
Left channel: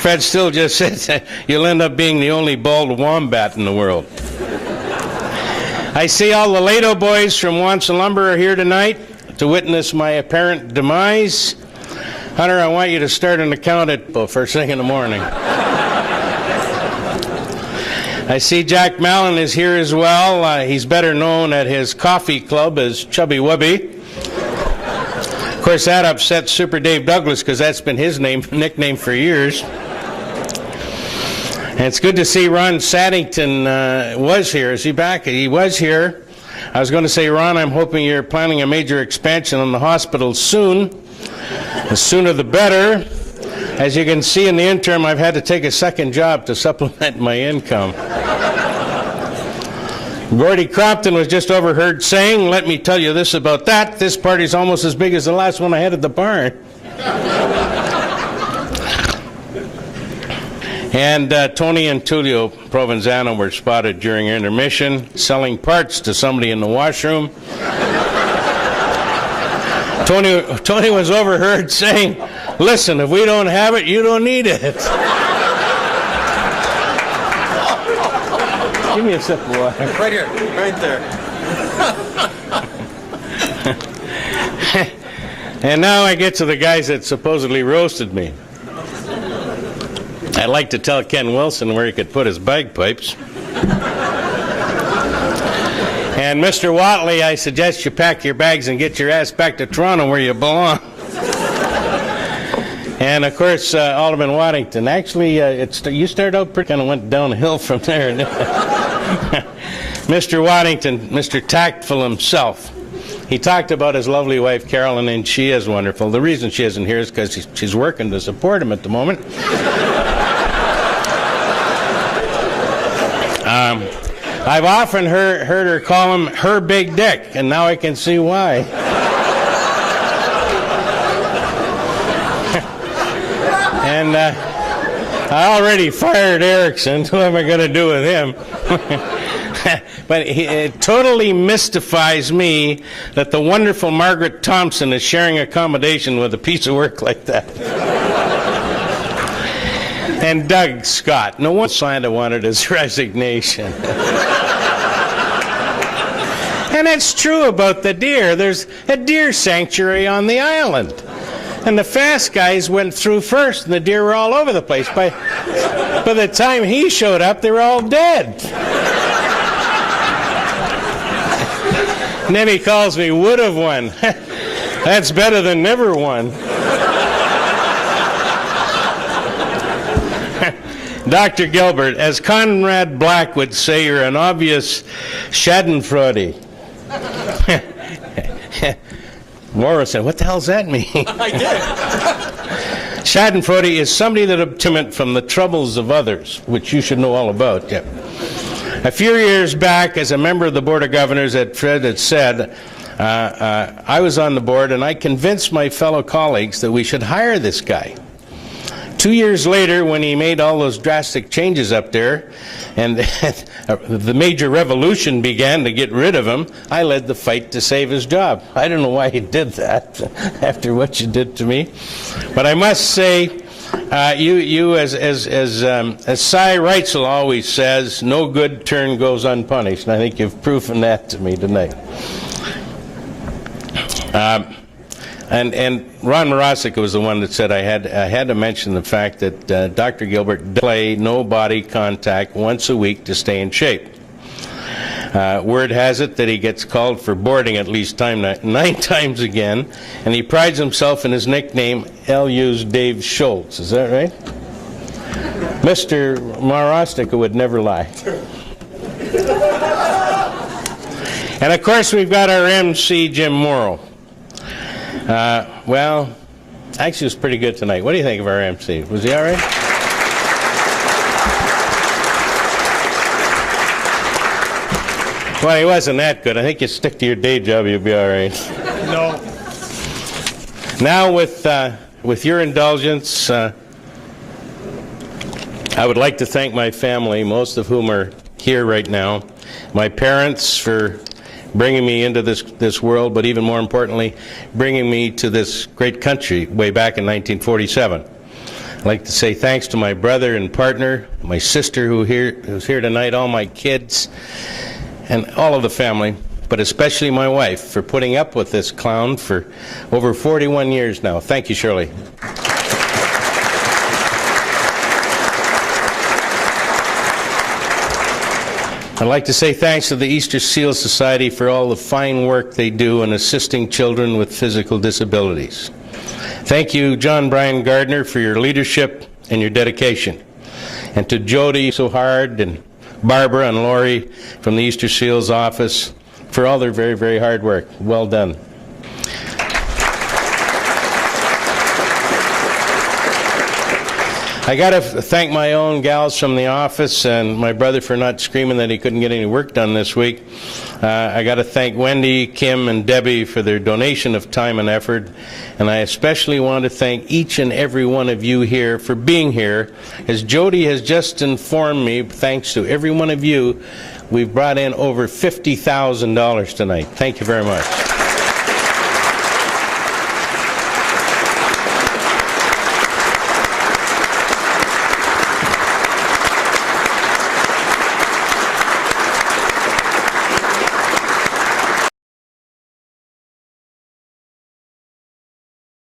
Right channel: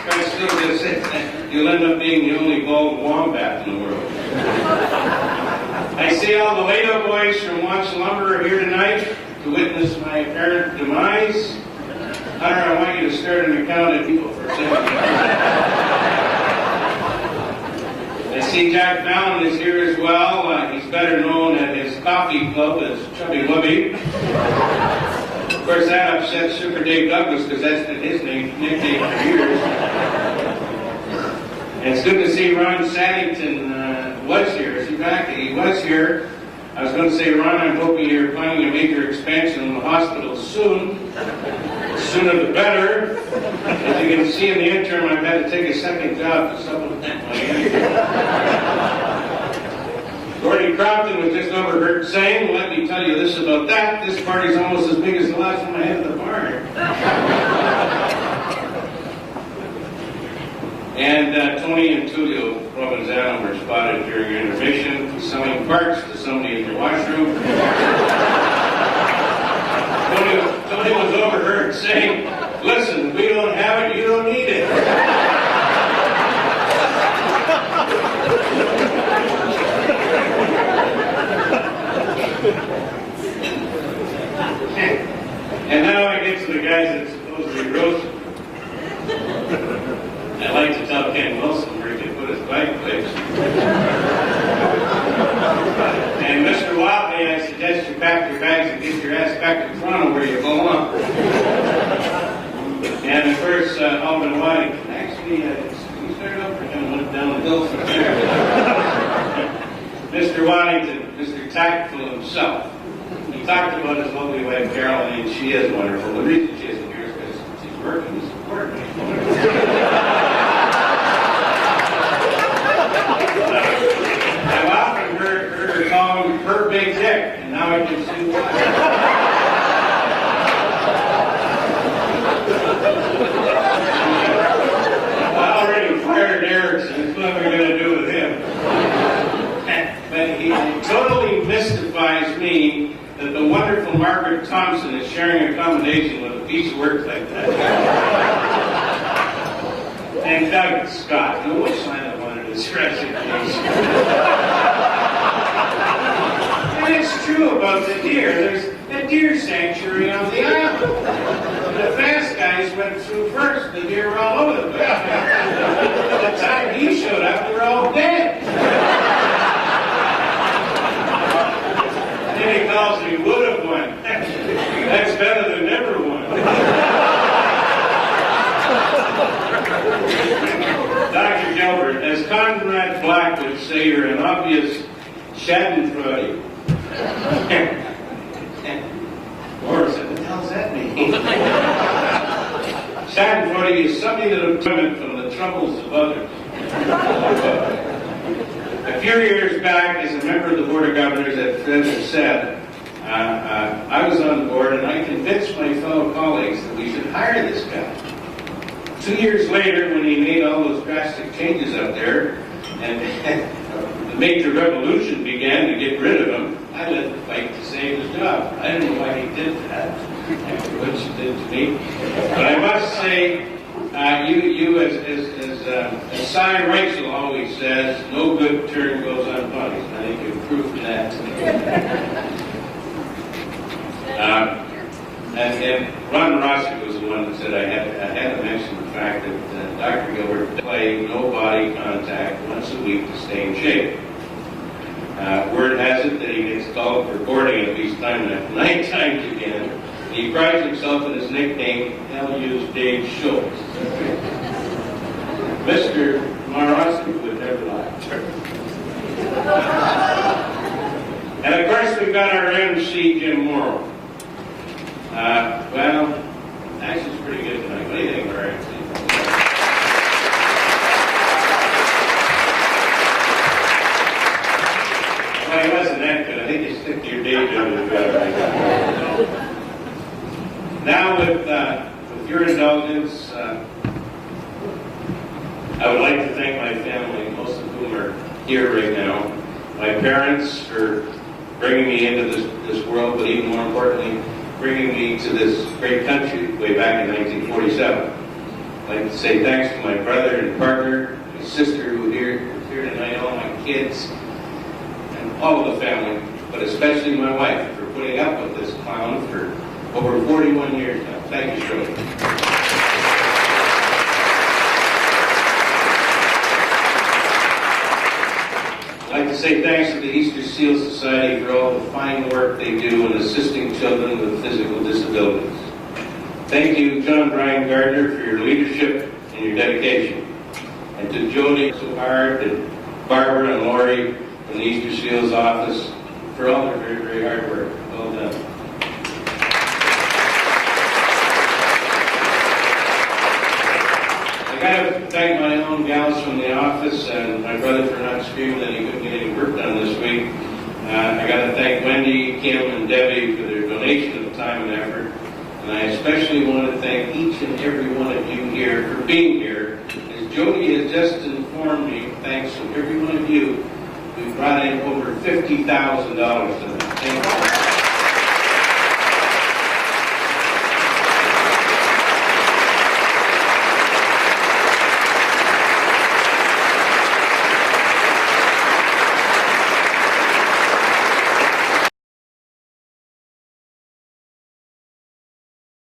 Fred Still just says that you'll end up being the only bald wombat in the world. I see all the Lato boys from Wanson Lumber are here tonight to witness my apparent demise. Hunter, I want you to start an account at first thing in the morning. I see Jack Mallon is here as well. He's better known at his coffee club as Chubby Wubby. Of course, that upsets Super Dave Douglas because that's been his nickname for years. And it's good to see Ron Saddington was here. Is he back? He was here. I was going to say, Ron, I'm hoping you're planning a major expansion on the hospital soon. The sooner the better. As you can see in the interim, I've had to take a second job to supplement my income. Gordy Crompton was just overheard saying, let me tell you this about that, this party's almost as big as the last one I had at the barn. And Tony and Tullio Provenzano were spotted during intermission selling parts to somebody in the washroom. Tony was overheard saying, listen, if we don't have it, you don't need it. Give me a sip of water. Right there. And now I get to the guys that supposedly roasted me. I'd like to tell Ken Wilson where he could put his bagpipes. And Mr. Watley, I suggest you pack your bags and get your ass back to Toronto where you belong. And of course, Alderman Waddington. Actually, you started out pretty, kind of went downhill from there. Mr. Waddington, Mr. Tactful himself. He talked about his lovely wife, Carolyn, and she is wonderful. The reason she isn't here is because she's working to support him at the moment. I've often heard her call him her big dick, and now I can see why. And I already fired Erickson, so what am I going to do with him? But it totally mystifies me that the wonderful Margaret Thompson is sharing accommodation with a piece of work like that. And Doug Scott, no one signed wanted his resignation. And it's true about the deer. There's a deer sanctuary on the island. And the fast guys went through first, and the deer were all over the place. By the time he showed up, they were all dead. And then he calls me would have won. That's better than never won. Dr. Gilbert, as Conrad Black would say, you're an obvious schadenfreude. Mauro said, what the hell does that mean? Schadenfreude is somebody that obtained from the troubles of others, which you should know all about. Yeah. A few years back, as a member of the Board of Governors at Fred had said, I was on the board and I convinced my fellow colleagues that we should hire this guy. 2 years later, when he made all those drastic changes up there, and the major revolution began to get rid of him, I led the fight to save his job. I don't know why he did that after what you did to me. But I must say, you as Cy Reitzel always says, no good turn goes unpunished. And I think you've proven that to me tonight. And Ron Morosica was the one that said I had to mention the fact that Dr. Gilbert play no body contact once a week to stay in shape. Word has it that he gets called for boarding at least 9 times again, and he prides himself in his nickname, LU's Dave Schultz. Is that right? Mr. Morosica would never lie. And of course we've got our MC, Jim Mauro. Well, actually it was pretty good tonight. What do you think of our MC? Was he all right? Well, he wasn't that good. I think you stick to your day job, you'll be all right. No. Now, with your indulgence, I would like to thank my family, most of whom are here right now. My parents for bringing me into this world, but even more importantly, bringing me to this great country way back in 1947. I'd like to say thanks to my brother and partner, my sister who's here tonight, all my kids, and all of the family, but especially my wife for putting up with this clown for over 41 years now. Thank you, Shirley. I'd like to say thanks to the Easter Seal Society for all the fine work they do in assisting children with physical disabilities. Thank you, John Brian Gardner, for your leadership and your dedication. And to Jody so hard, and Barbara and Lori from the Easter Seals office for all their very, very hard work. Well done. I got to thank my own gals from the office and my brother for not screaming that he couldn't get any work done this week. I got to thank Wendy, Kim, and Debbie for their donation of time and effort. And I especially want to thank each and every one of you here for being here. As Jody has just informed me, thanks to every one of you, we've brought in over $50,000 tonight. Thank you very much.